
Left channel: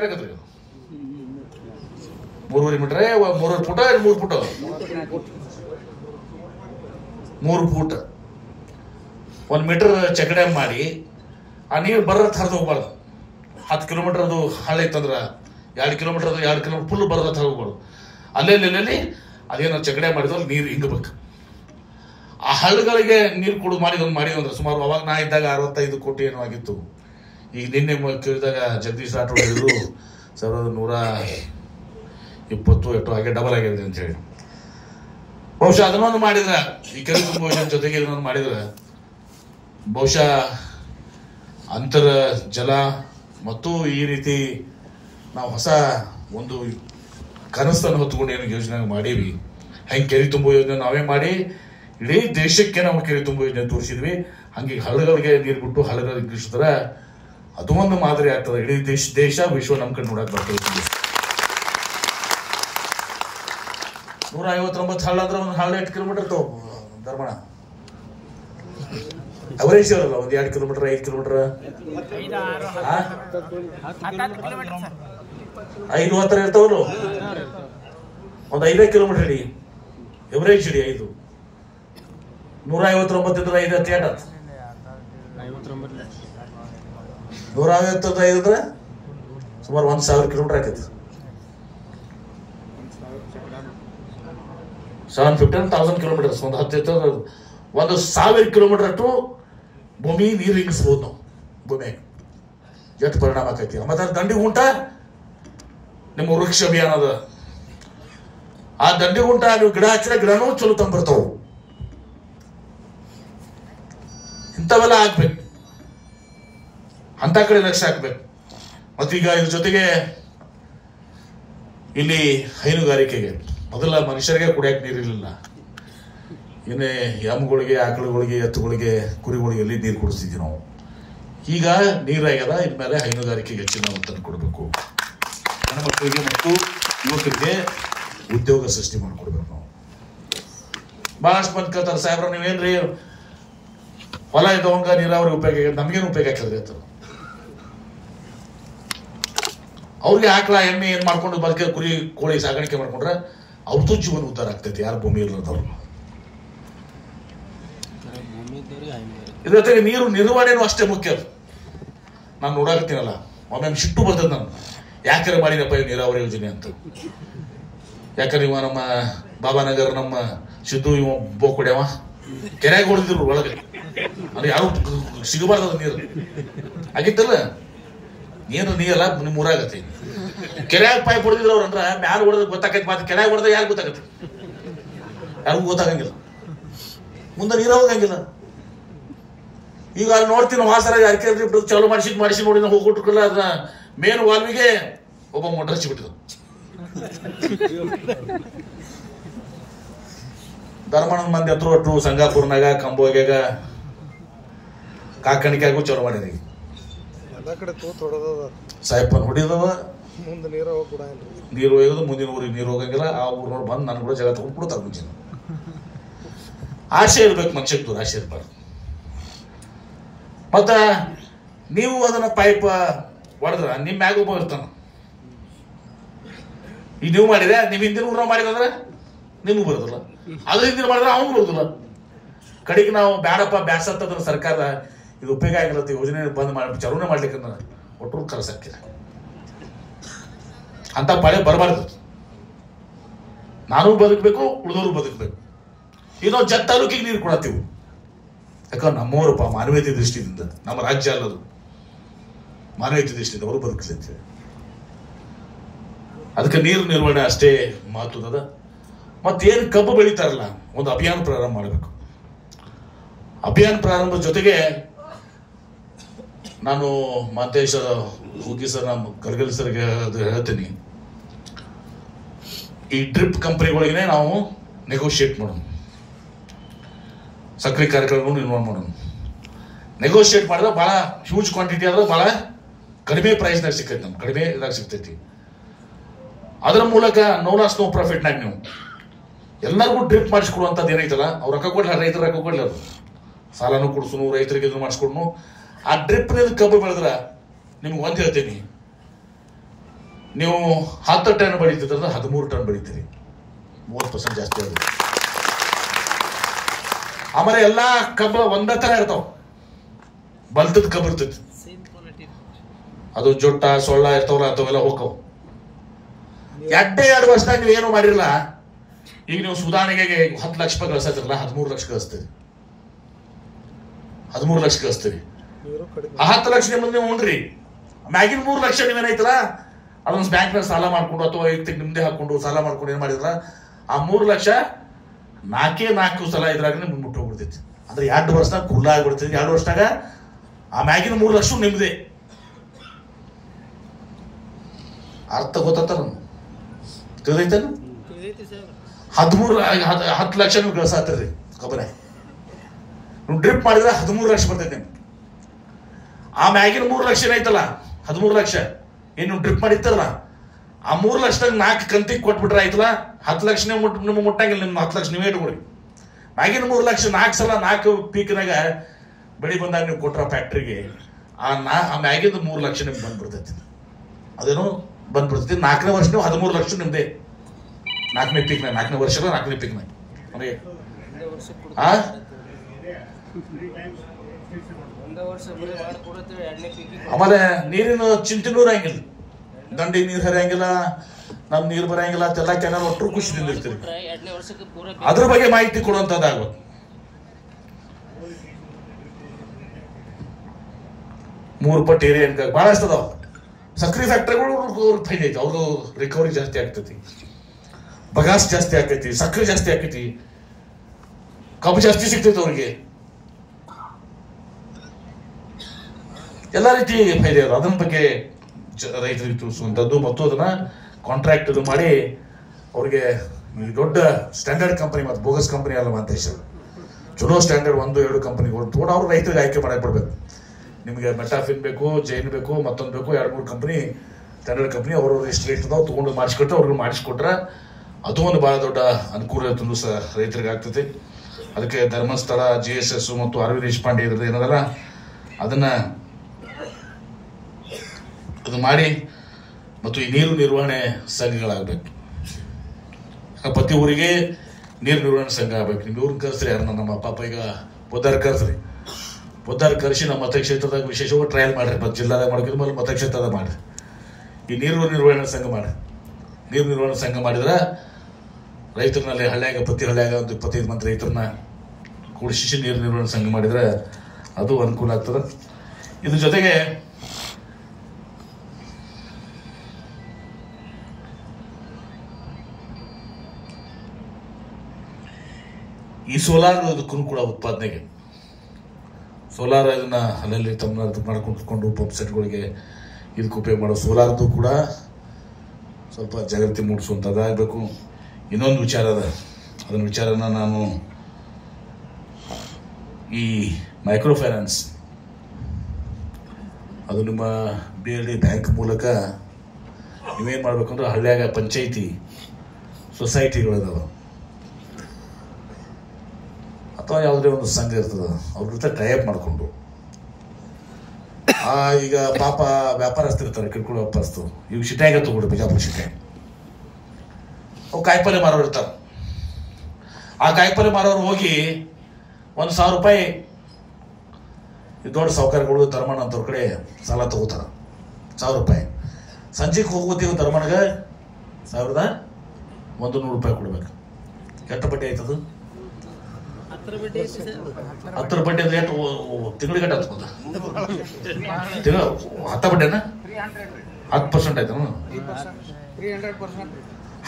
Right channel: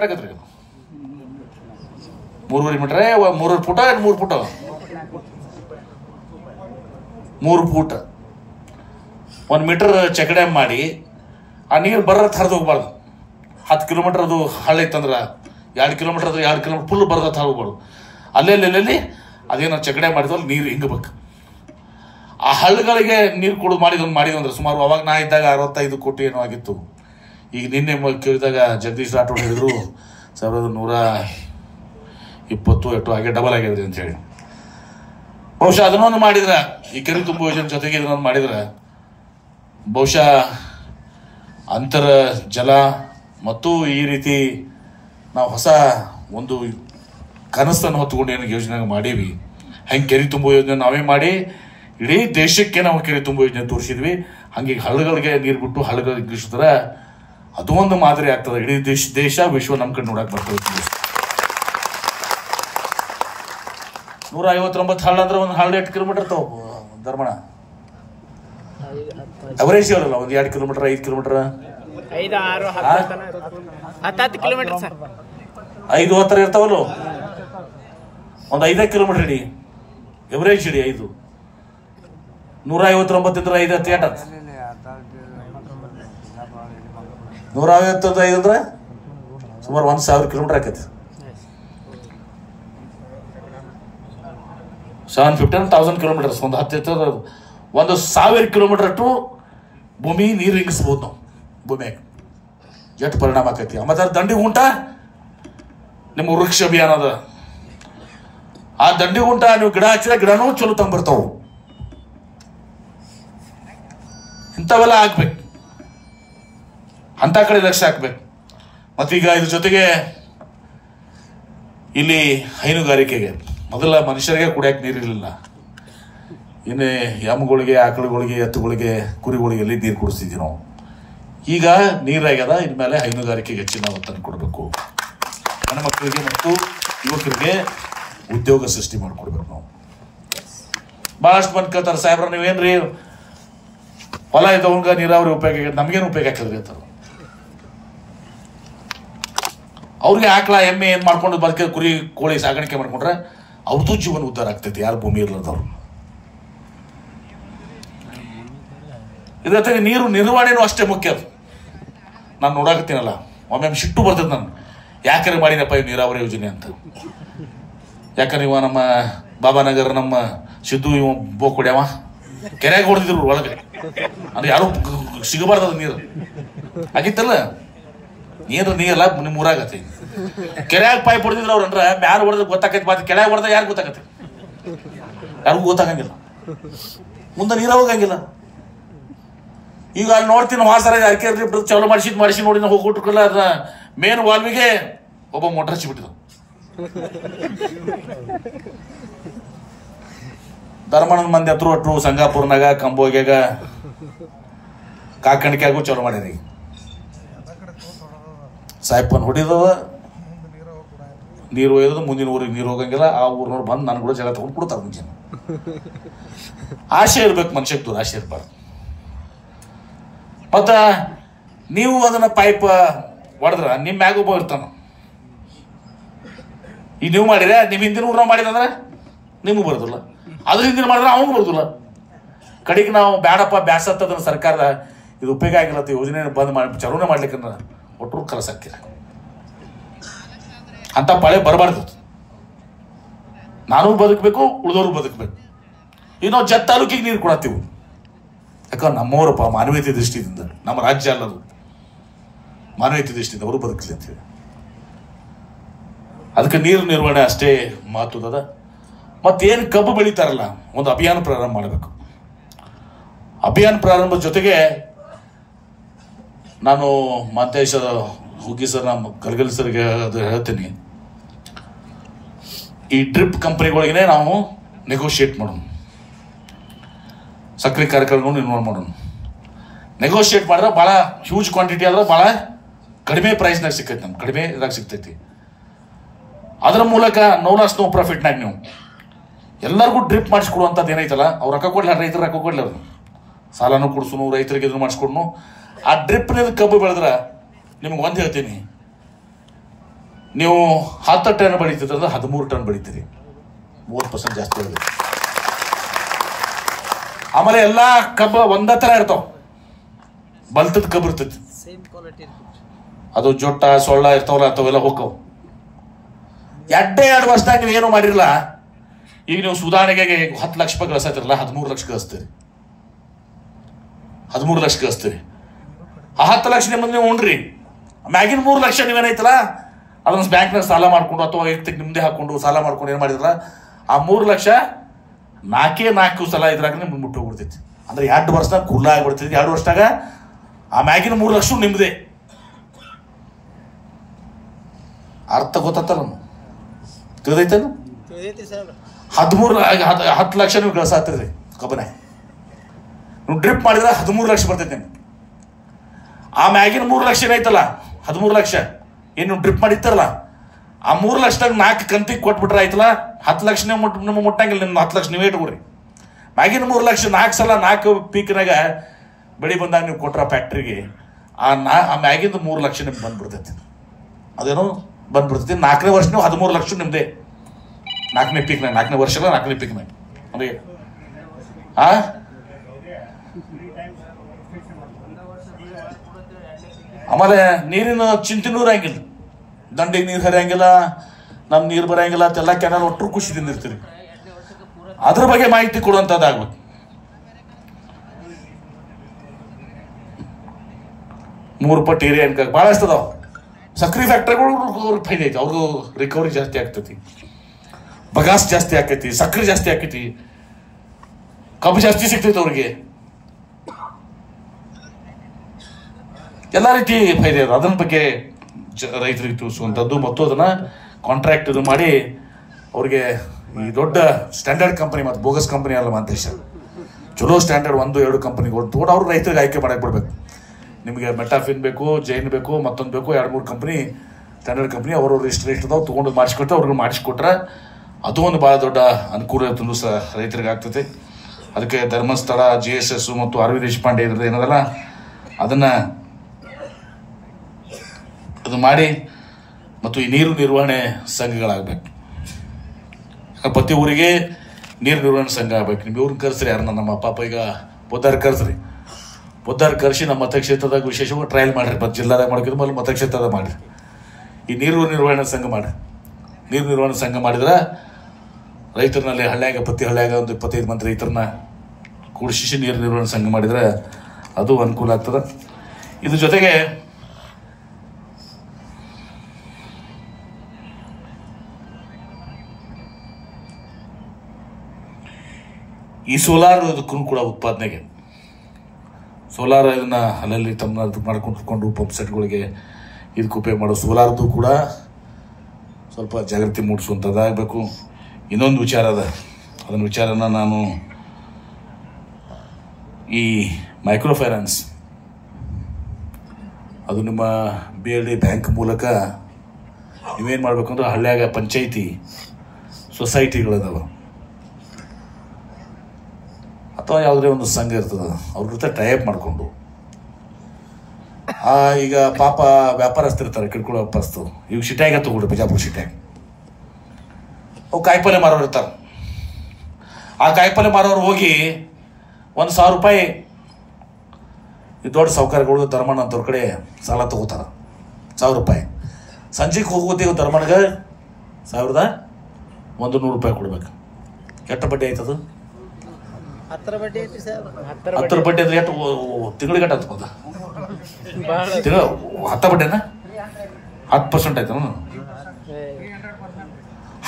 3.5 metre 3 foot 3 foot 3 foot 1 metre check dam ಮಾಡಿ ಆ ನೀರು ಬರೋದು ಹರಿದು ಹೋಗ್ಬಾರ್ದು. 10 ಕಿಲೋಮೀಟರ್ ಅದು ಹಳ್ಳಿ ಇತ್ತಂದ್ರೆ 2 ಕಿಲೋಮೀಟರ್ ಅದು 2 ಕಿಲೋಮೀಟರ್ ಫುಲ್ ಬರೋದು ಹೋಗ್ಬಾರ್ದು. ಅಲ್ಲೆಲ್ಲಿ ಅದೇನೋ ಚೆಕ್ ಡ್ಯಾಮ್ ಮಾಡಿದ್ವಲ್ಲ ನೀರು ಹಿಂಗಬೇಕು. ಆ ಹಳ್ಳಿಗಳಿಗೆ ನೀರು ಕೊಡು ಮಾಡಿದಂದ್ರೆ ಸುಮಾರು ಅವಾಗ ನಾ ಇದ್ದಾಗ 65 ಕೋಟಿ ಏನೋ ಆಗಿತ್ತು. ಈಗ ನಿನ್ನೆ ಕೇಳಿದಾಗ ಜಗದೀಶ್ ರಾಠೋಡ್ ಹೇಳಿದ್ರು 120 ಹಾಗೆ ಡಬಲ್ ಆಗಿದೆ ಅಂತ ಹೇಳಿ. ಬಹುಶಃ ಅದನ್ನೊಂದು ಮಾಡಿದ್ರ, ಈ ಕೆರೆ ತುಂಬ ಯೋಜನೆ ಜೊತೆಗೆ ಇದನ್ನೊಂದು ಮಾಡಿದ್ರ ಬಹುಶಃ ಅಂತರ ಜಲ ಮತ್ತು ಈ ರೀತಿ ನಾವು ಹೊಸ ಒಂದು ಕನಸನ್ನು ಹೊತ್ತುಕೊಂಡು ಏನು ಯೋಜನೆ ಮಾಡೀವಿ. ಹೆಂಗೆ ಕೆರೆ ತುಂಬೋ ಯೋಜನೆ ನಾವೇ ಮಾಡಿ ಇಡೀ ದೇಶಕ್ಕೆ ನಾವು ಕೆರೆ ತುಂಬೋ ಯೋಜನೆ ತೋರಿಸಿದ್ವಿ. ಹಂಗೆ ಹಳ್ಳಗಳಿಗೆ ನೀರು ಬಿಟ್ಟು ಹಳ್ಳಗಳಿಗೆ ಇಳಿಸಿದ್ರೆ ಅದು ಒಂದು ಮಾದರಿ ಆಗ್ತದೆ. ಇಡೀ ದೇಶ ವಿಶ್ವ ನಮ್ಮ ಕಡೆ ನೋಡಕ್ ಬರ್ತದೆ. 159 ಹಳ್ಳ ಅಂದ್ರೆ ಒಂದು ಹಳ್ಳ 8 ಕಿಲೋಮೀಟರ್ ತಾವು ಧರ್ಮಣ ಅವರೇಜ್ ಅವರಲ್ಲ, ಒಂದು 2 ಕಿಲೋಮೀಟರ್ 5 ಕಿಲೋಮೀಟರ್ 5 ಹತ್ತರ ಇರ್ತಾವಲ್ಲ, ಒಂದು 5 ಕಿಲೋಮೀಟರ್ ಇಡಿ ಎವರೇಜ್ ಇಡಿ 5. 159 ಇದ್ರೆ 5 8 155 ಅಂದ್ರೆ ಸುಮಾರು 1000 ಕಿಲೋಮೀಟರ್ ಆಕೈತಿ. 750 ಕಿಲೋಮೀಟರ್ಸ್ ಒಂದು 1000 ಕಿಲೋಮೀಟರ್ ಅಷ್ಟು ಭೂಮಿ ನೀರು ಇಂಗಿಸ್ಬೋದು ನಾವು. ಭೂಮಿಯಾಗ ಎಷ್ಟು ಪರಿಣಾಮ ಆಕೈತಿ. ಮತ್ತೆ ದಂಡಿ ಗುಂಟ ನಿಮ್ಮ ವೃಕ್ಷ ಅಭಿಯಾನ ಅದ. ಆ ದಂಡಿ ಗುಂಟ ನೀವು ಗಿಡ ಹಚ್ಚಿದ ಗಿಡನೂ ಚಲೋ ತಂದ್ಬಿಡ್ತಾವ. ಇಂಥವೆಲ್ಲ ಆಗ್ಬೇಕು, ಅಂತ ಕಡೆ ಲಕ್ಷ್ಯ ಹಾಕ್ಬೇಕು. ಮತ್ತೀಗ ಇದ್ರ ಜೊತೆಗೆ ಇಲ್ಲಿ ಹೈನುಗಾರಿಕೆಗೆ ಮೊದಲ ಮನುಷ್ಯರಿಗೆ ಕುಡಿಯಕ್ಕೆ ನೀರಿರಲಿಲ್ಲ. ಇನ್ನೇ ಎಮ್ಗಳಿಗೆ, ಆಕಳುಗಳಿಗೆ, ಎತ್ತುಗಳಿಗೆ, ಕುರಿಗಳಿಗೆ ಎಲ್ಲಿ ನೀರು ಕುಡಿಸ್ತಿದ್ವಿ ನಾವು. ಈಗ ನೀರಾಗ್ಯದ, ಇನ್ಮೇಲೆ ಹೈನುಗಾರಿಕೆಗೆ ಹೆಚ್ಚಿನ ಒತ್ತನ್ನು ಕೊಡಬೇಕು. ನನ್ನ ಮಕ್ಕಳಿಗೆ ಮತ್ತು ಯುವಕರಿಗೆ ಉದ್ಯೋಗ ಸೃಷ್ಟಿ ಮಾಡಿಕೊಡ್ಬೇಕು ನಾವು. ಬಹಳಷ್ಟು ಮಂದಿ ಕೇಳ್ತಾರೆ, ಸಾಹೇಬ್ರ ನೀವೇನ್ರಿ ಹೊಲ ಇದ್ದವಂಗ ನೀರಾವರಿ ಉಪಯೋಗ, ನಮ್ಗೇನು ಉಪಯೋಗ ಆಗ್ತದೆ ಅಂತ. ಅವ್ರಿಗೆ ಆಕಳ ಎಮ್ಮೆ ಏನ್ ಮಾಡ್ಕೊಂಡು ಬದುಕ ಕುರಿ ಕೋಳಿ ಸಾಗಾಣಿಕೆ ಮಾಡ್ಕೊಂಡ್ರೆ ಅವ್ರದ್ದು ಜೀವನ ಉದ್ಧಾರ ಆಗ್ತೈತಿ, ಯಾರು ಭೂಮಿ ಇರ್ಲದವ್ರು. ಇದ್ರ ಜೊತೆಗೆ ನೀರು ನಿರ್ವಹಣೆನೂ ಅಷ್ಟೇ ಮುಖ್ಯ. ನಾನು ನೋಡಾಕತ್ತೀನಲ್ಲ, ಒಮ್ಮೆ ಸಿಟ್ಟು ಬರ್ತದೆ ನಾನು, ಯಾಕಂದ್ರೆ ಮಾಡಿದಪ್ಪ ಈ ನೀರಾವರಿ ಯೋಜನೆ ಅಂತ. ಯಾಕಂದ್ರೆ ಇವ ನಮ್ಮ ಬಾಬಾನಗರ ನಮ್ಮ ಸಿದ್ದು ಇವ ಬೋಕೊಡ್ಯಾವ ಕೆರೆಗೆ ಹೊಡೆದಿದ್ರು ಒಳಗೆ, ಅಂದ್ರೆ ಯಾರು ಸಿಗಬಾರ್ದು ನೀರು ಆಗಿತ್ತಲ್ಲ. ನೀರಲ್ಲ ನಿಮ್ಮ ಊರಾಗತ್ತೆ. ಕೆರೆಯಾಗ ಪೈಪ್ ಹೊಡೆದಿದ್ರು ಅವ್ರು, ಅಂದ್ರೆ ಮ್ಯಾಲ ಹೊಡೆದ್ ಗೊತ್ತಾಕೈತಿ, ಮಾತು ಕೆರೆಯಾಗ ಹೊಡೆದ ಯಾರು ಗೊತ್ತಾಗತ್ತೆ? ಯಾರಿಗೂ ಗೊತ್ತಾಗಂಗಿಲ್ಲ, ಮುಂದೆ ನೀರ ಹೋಗಂಗಿಲ್ಲ. ಈಗ ಅಲ್ಲಿ ನೋಡ್ತೀನಿ ವಾಸರ ಅರ್ಕೆ ಚಾಲು ಮಾಡಿಸಿ ನೋಡಿ ಹೋಗ್ಬಿಟ್ರಲ್ಲ, ಅದನ್ನ ಮೇನ್ ವಾಲ್ವಿಗೆ ಒಬ್ಬ ಮೋಟರ್ ಹಚ್ಚಿಬಿಟ್ಟಿದ್ರು. ಧರ್ಮಣ್ಣನ ಮಂದಿ ಹತ್ರ ಒಟ್ಟು ಸಂಗಾಪುರ್ನಾಗ, ಕಂಬೋಗ್ಯಾಗ, ಕಾಕಣಿಕ್ಯಾಗೂ ಚಾಲು ಮಾಡ್ಯಾರ. ಈಗ ಸಾಯಪ್ಪನ್ ಹೊಡಿದವ, ನೀರು ಒಯ್ಯೋದು, ಮುಂದಿನ ಊರಿಗೆ ನೀರು ಹೋಗಂಗಿಲ್ಲ. ಆ ಊರಿನವ್ರು ಬಂದು ನಾನು ಕೂಡ ಜಾಗ ತಗೊಂಡು ಕೊಡ್ತಾರೆ. ಮುಂಚೆ ಆಸೆ ಇರ್ಬೇಕು ಮನುಷ್ಯಕ್ಕೆ, ದುರಾಸೆ ಇರ್ಬಾರ್ದು. ಮತ್ತ ನೀವು ಅದನ್ನ ಪೈಪ್ ಹೊಡೆದ್ರ ನಿಮ್ ಮ್ಯಾಗ ಒಬ್ಬ ಇರ್ತಾನ. ಈಗ ನೀವು ಮಾಡಿದ್ರೆ ನಿಮ್ ಹಿಂದಿನ ಊರ ಮಾಡಿದ್ರೆ ನಿಮಗೂ ಬರೋದಿಲ್ಲ, ಅದ್ರ ಹಿಂದಿನ ಮಾಡಿದ್ರೆ ಅವನು ಬರೋದಿಲ್ಲ. ಕಡೆಗೆ ನಾವು ಬ್ಯಾಡಪ್ಪ ಬ್ಯಾಸತ್ತದ ಸರ್ಕಾರ ಇದು ಉಪಯೋಗ ಆಗಿಲ್ಲ ಯೋಜನೆ ಬಂದ್ ಮಾಡಿ ಚಲನೆ ಮಾಡ್ಲಿಕ್ಕೆ ಒಟ್ಟರು ಕಲಸಾಕಿಲ್ಲ. ಅಂತ ಪಳೆ ಬರಬಾರ್ದು. ನಾನು ಬದುಕಬೇಕು, ಉಳಿದವರು ಬದುಕಬೇಕು. ಈಗ ನಾವು ಜತ್ ತಾಲೂಕಿಗೆ ನೀರು ಕೊಡತ್ತೀವಿ, ಯಾಕಂದ್ರೆ ನಮ್ಮವರಪ್ಪ ಮಾನವೀಯತೆ ದೃಷ್ಟಿಯಿಂದ, ನಮ್ಮ ರಾಜ್ಯ ಅಲ್ಲದು, ಮಾನವೀಯತೆ ದೃಷ್ಟಿಯಿಂದ ಅವರು ಬದುಕಲಿ ಅಂತೇಳಿ. ಅದಕ್ಕೆ ನೀರು ನಿರ್ವಹಣೆ ಅಷ್ಟೇ ಮಹತ್ವದ. ಮತ್ತೇನು ಕಬ್ಬು ಬೆಳೀತಾರಲ್ಲ, ಒಂದು ಅಭಿಯಾನ ಪ್ರಾರಂಭ ಮಾಡಬೇಕು. ಅಭಿಯಾನ ಪ್ರಾರಂಭದ ಜೊತೆಗೆ ನಾನು ಮಾಂತೇಶ ಹುಗ್ಗಿ ಸರ್, ನಮ್ಮ ಗಲ್ಗಲ್ ಸರ್ಗೆ ಅದು ಹೇಳ್ತೀನಿ, ಈ ಡ್ರಿಪ್ ಕಂಪನಿಗಳಿಗೆ ನಾವು ನೆಗೋಷಿಯೇಟ್ ಮಾಡೋಣ, ಸಕ್ರೆ ಕಾರ್ಯಕ್ರಮ ನಿರ್ಮಾಣ ಮಾಡೋಣ. ನೆಗೋಷಿಯೇಟ್ ಮಾಡಿದ್ರೆ ಭಾಳ ಹ್ಯೂಜ್ ಕ್ವಾಂಟಿಟಿ ಆದ್ರೆ ಭಾಳ ಕಡಿಮೆ ಪ್ರೈಸ್ನಾಗ ಸಿಕ್ಕೈತಿ, ನಮ್ಗೆ ಕಡಿಮೆ ಇದಾಗ ಸಿಗ್ತೈತಿ. ಅದರ ಮೂಲಕ ನೋ ಪ್ರಾಫಿಟ್ನಾಗ ನೀವು ಎಲ್ಲರಿಗೂ ಡ್ರಿಪ್ ಮಾಡಿಸ್ಕೊಡುವಂಥದ್ದು ಏನೈತಲ್ಲ, ಅವ್ರು ರೊಕ್ಕ ಕೊಡ್ಲಿ, ರೈತರು ರೊಕ್ಕ ಕೊಡ್ಲಿ, ಅವ್ರು ಸಾಲನೂ ಕೊಡ್ಸುನು, ರೈತರಿಗೆ ಇದನ್ನು ಮಾಡಿಸ್ಕೊಡ್ನು. ಆ ಡ್ರಿಪ್ನ ಕಬ್ಬು ಬೆಳೆದ್ರೆ ನಿಮ್ಗೆ ಒಂದು ಹೇಳ್ತೀನಿ, ನೀವು 10 ಟನ್ ಬೆಳೀತಿದ್ರೆ 13 ಟನ್ ಬೆಳೀತೀರಿ, 30% ಜಾಸ್ತಿ ಬೆಳೀತೀರಿ. ಆಮೇಲೆ ಎಲ್ಲ ಕಬ್ಬು ಒಂದೇ ಥರ ಇರ್ತಾವ, ಬಲ್ತದ ಕಬ್ಬು ಇರ್ತೈತಿ, ಅದು ಜೊಟ್ಟ ಸೊಳ್ಳ ಇರ್ತಾವಲ್ಲ ಅಂತವೆಲ್ಲ ಹೋಗ್ತಾವ. 2 ವರ್ಷದಾಗ ನೀವು ಏನು ಮಾಡಿರಲ್ಲ, ಈಗ ನೀವು ಸುಧಾರಣೆಗೆ 10 ಲಕ್ಷ ರೂಪಾಯಿ ಗಳಿಸ್ತಿರಲ್ಲ, 13 ಲಕ್ಷ ಗಳಿಸ್ತೀರಿ, 13 ಲಕ್ಷ ಗಳಿಸ್ತೀರಿ. ಆ 10 ಲಕ್ಷ ನಿಮ್ಮಲ್ಲಿ ನೀವು ಉಣ್ರಿ, ಮ್ಯಾಗಿನ 3 ಲಕ್ಷ ನೀವೇನೈತಲ್ಲ ಅದನ್ನ ಬ್ಯಾಂಕ್ನ ಸಾಲ ಮಾಡ್ಕೊಂಡು ಅಥವಾ ವೈಯಕ್ತಿಕ ನಿಮ್ದೇ ಹಾಕೊಂಡು ಸಾಲ ಮಾಡ್ಕೊಂಡು ಏನ್ ಮಾಡಿದ್ರಲ್ಲ, ಆ 3 ಲಕ್ಷ 4 ಸಲ ಇದ್ರಾಗ ನಿಮ್ಗೆ ಮುಟ್ಟು ಹೋಗ್ಬಿಡ್ತೈತಿ. ಅಂದ್ರೆ 2 ವರ್ಷದಾಗ ಕುಲ್ಲ ಆಗ್ಬಿಡ್ತೈತಿ. 2 ವರ್ಷದಾಗ ಆ ಮ್ಯಾಗಿನ 3 ಲಕ್ಷ ನಿಮ್ದೇ. ಅರ್ಥ ಗೊತ್ತಲ್ಲ, ತಿಳಿದೈತೇನು? 10 ಲಕ್ಷ ನೀವು ಗಳಿಸಾತಿರ್ರಿ ಕಬ್ಬನೆ, ನೀವು ಡ್ರಿಪ್ ಮಾಡಿದ್ರೆ 13 ಲಕ್ಷ ಬರ್ತೈತಿ. ಆ ಮ್ಯಾಗಿನ 3 ಲಕ್ಷ ಏನೈತಲ್ಲ, 13 ಲಕ್ಷ ಏನು ಡ್ರಿಪ್ ಮಾಡಿರ್ತಾರಲ್ಲ, ಆ 3 ಲಕ್ಷದಾಗ 4 ಕಂತಿಗೆ ಕೊಟ್ಬಿಟ್ರೆ ಆಯ್ತಲ್ಲ, 10 ಲಕ್ಷ ನಿಮ್ಗೆ ಮುಟ್ಟಂಗಿಲ್ಲ. ನಿಮ್ಮ 10 ಲಕ್ಷ ನೀವೇ ಇಟ್ಕೊಡಿ. ಮ್ಯಾಗಿನ 3 ಲಕ್ಷ 4 ಸಲ 4 ಪೀಕ್ನಾಗ ಬೆಳಿ ಬಂದಾಗ ನೀವು ಕೊಟ್ರ ಫ್ಯಾಕ್ಟ್ರಿಗೆ ಆ ಮ್ಯಾಗಿಂದ 3 ಲಕ್ಷ ನಿಮ್ಗೆ ಬಂದ್ಬಿಡ್ತೈತಿ. ಅದೇನೋ ಬಂದ್ಬಿಡ್ತೈತಿ. 4ನೇ ವರ್ಷ ನೀವು 13 ಲಕ್ಷ ನಿಮ್ದೇ, 4ನೇ ಪೀಕ್ನಾಗ, 4ನೇ ವರ್ಷದ 4ನೇ ಪೀಕ್ನಾಗ. ಅಂದ್ರೆ ಆಮೇಲೆ ನೀರಿನ ಚಿಂತೆನೂ ಇರಂಗಿಲ್ಲ, ದಂಡಿಗೆ ನೀರು ಹರಿಯಂಗಿಲ್ಲ, ನಮ್ ನೀರು ಬರಂಗಿಲ್ಲ ಅಂತೆಲ್ಲ ಕೆನಾಲ್ ಒಟ್ಟರು ಖುಷಿದಿಂದ ಇರ್ತೀರಿ. ಅದ್ರ ಬಗ್ಗೆ ಮಾಹಿತಿ ಕೊಡುವಂತದ್ದಾಗ್ಬೇಕು. ಮೂರು ಪಟ್ಟು ಏರಿಯಾ ಬಹಳಷ್ಟು ಅದಾವ. ಸಕ್ರೆ ಫ್ಯಾಕ್ಟ್ರಿಗಳು ಫೈನ್ ಐತಿ, ಅವ್ರದ್ದು ರಿಕವರಿ ಜಾಸ್ತಿ ಆಗ್ತೈತಿ, ಬಗಾಸ್ ಜಾಸ್ತಿ ಆಕೈತಿ, ಸಕ್ರೆ ಜಾಸ್ತಿ ಆಕೈತಿ, ಕಬ್ಬು ಜಾಸ್ತಿ ಸಿಗ್ತೈತಿ ಅವ್ರಿಗೆ, ಎಲ್ಲ ರೀತಿ ಫೈದೆ ಇರೋದು. ಅದನ್ನ ಬಗ್ಗೆ ರೈತರಿಗೆ ತಿಳಿಸುವಂಥದ್ದು ಮತ್ತು ಅದನ್ನ ಕಾಂಟ್ರಾಕ್ಟ್ ಇದು ಮಾಡಿ ಅವ್ರಿಗೆ ಈ ದೊಡ್ಡ ಸ್ಟ್ಯಾಂಡರ್ಡ್ ಕಂಪನಿ ಮತ್ತು ಬೋಗಸ್ ಕಂಪನಿ ಅಲ್ಲ ಮಂತೇಶ್, ಚಲೋ ಸ್ಟ್ಯಾಂಡರ್ಡ್ 1-2 ಕಂಪನಿಗಳು ತಗೊಂಡು ಅವ್ರು ರೈತರಿಗೆ ಆಯ್ಕೆ ಮಾಡಕ್ ಬಿಡ್ಬೇಕು. ನಿಮಗೆ ಮೆಟಾಫಿನ್ ಬೇಕು, ಜೈನ್ ಬೇಕು, ಮತ್ತೊಂದು ಬೇಕು, 2-3 ಕಂಪನಿ ಸ್ಟ್ಯಾಂಡರ್ಡ್ ಕಂಪನಿ ಅವರು ರಿಜಿಸ್ಟ್ರೇಷನ್ ತಗೊಂಡು ಮಾಡಿಸ್ಕೊಟ್ಟು ಅವ್ರಿಗೆ ಮಾಡಿಸ್ಕೊಟ್ರೆ ಅದು ಒಂದು ಬಹಳ ದೊಡ್ಡ ಅನುಕೂಲ ತಂದು ರೈತರಿಗೆ ಆಗ್ತೈತಿ. ಅದಕ್ಕೆ ಧರ್ಮಸ್ಥಳ, GSS ಮತ್ತು RV ದೇಶಪಾಂಡೆ ಇದ್ರದ್ದು ಏನದಲ್ಲ ಅದನ್ನ ಅದು ಮಾಡಿ, ಮತ್ತು ಈ ನೀರು ನಿರ್ವಹಣೆ ಸಂಘಗಳಾಗಬೇಕು. ಪ್ರತಿ ಊರಿಗೆ ನೀರು ನಿರ್ವಹಣೆ ಸಂಘ ಆಗ್ಬೇಕು. ನೀವು ಇವ್ರನ್ನ ಕರೆಸ್ರಿ, ಯಾರನ್ನ ನಮ್ಮ ಪಾಪ ಈಗ ಪೊದ್ದಾರ ಕರೆಸ್ರಿ, ಪೊದ್ದಾರ ಕರೆಸಿ ನಮ್ಮ ಮತಕ್ಷೇತ್ರದಾಗ ವಿಶೇಷವಾಗಿ ಟ್ರಯಲ್ ಮಾಡ್ರಿ. ಮತ್ತು ಜಿಲ್ಲಾದಾಗ ಮಾಡ್ಕಿದ್ರು ಮೊದಲು ಮತಕ್ಷೇತ್ರದ ಮಾಡ್ರಿ. ಈ ನೀರು ನಿರ್ವಹಣೆ ಸಂಘ ಮಾಡ್ರಿ. ನೀರು ನಿರ್ವಹಣೆ ಸಂಘ ಮಾಡಿದ್ರೆ ರೈತರಲ್ಲಿ ಹಳ್ಳಿಯಾಗ ಪ್ರತಿ ಹಳ್ಳಿಯಾಗ ಒಂದು 25 ಮಂದಿ ರೈತರನ್ನ ಕೂಡಿಸಿ ನೀರು ನಿರ್ವಹಣೆ ಸಂಘ ಮಾಡಿದ್ರೆ ಅದು ಅನುಕೂಲ ಆಗ್ತದೆ. ಇದ್ರ ಜೊತೆಗೆ ಈ ಸೋಲಾರ್ ಅದಕ್ಕೂ ಕೂಡ ಉತ್ಪಾದನೆಗೆ ಸೋಲಾರ್ ಇದನ್ನ ಅಲ್ಲಲ್ಲಿ ತಮ್ಮ ಮಾಡ್ಕೊಂಡು ಪಂಪ್ ಸೆಟ್ಗಳಿಗೆ ಇದಕ್ಕೆ ಉಪಯೋಗ ಮಾಡೋ ಸೋಲಾರ್ದು ಕೂಡ ಸ್ವಲ್ಪ ಜಾಗೃತಿ ಮೂಡಿಸುವಂಥದ್ದಾಗಬೇಕು. ಇನ್ನೊಂದು ವಿಚಾರ ಅದ, ಅದನ್ನ ವಿಚಾರನ ನಾನು ಈ ಮೈಕ್ರೋ ಫೈನಾನ್ಸ್ ಅದು ನಿಮ್ಮ BLD ಬ್ಯಾಂಕ್ ಮೂಲಕ ನೀವೇನು ಮಾಡಬೇಕು ಅಂದ್ರೆ ಹಳ್ಳಿಯಾಗ ಪಂಚಾಯಿತಿ ಸೊಸೈಟಿಗಳದಾವ ಅಥವಾ ಯಾವುದೇ ಒಂದು ಸಂಘ ಇರ್ತದೆ, ಅವ್ರ ಜೊತೆ ಟೈಅಪ್ ಮಾಡಿಕೊಂಡು ಈಗ ಪಾಪ ವ್ಯಾಪಾರಸ್ಥರಿರ್ತಾರೆ, ಕಿರ್ಕೊಳ್ಳೋ ವ್ಯಾಪಾರಸ್ಥರು, ಇವು ಶಿಟ್ಯಾಗ ತಗೊಂಡು ಬಿಜಾಪುರ ಶಿಟ್ಯಾಗ ಅವು ಕಾಯಿಪಲ್ಯ ಮಾರೋರು ಇರ್ತಾರೆ. ಆ ಕಾಯಿಪಲ್ಯ ಮಾರೋರು ಹೋಗಿ 1,000 ರೂಪಾಯಿ ಈ ದೊಡ್ಡ ಸಾಹುಕಾರಗಳು ಧರ್ಮಣ್ಣ ಅಂತವ್ರ ಕಡೆ ಸಾಲ ತಗೋತಾರೆ, 1,000 ರೂಪಾಯಿ. ಸಂಜೆಗೆ ಹೋಗೋದೇವು ಧರ್ಮಣ್ಣಗೆ 1,100 ರೂಪಾಯಿ ಕೊಡ್ಬೇಕು. ಎಷ್ಟು ಬಡ್ಡಿ ಆಯ್ತದು? 10 ಬಡ್ಡಿ ಅಂದ್ರೆ ಎಷ್ಟು ತಿಂಗಳಿಗೆ ಗಂಟೆ ಆಯ್ತು? ತಿಂಗಳ 10 ಬಡ್ಡಿನ 10% ಆಯ್ತು.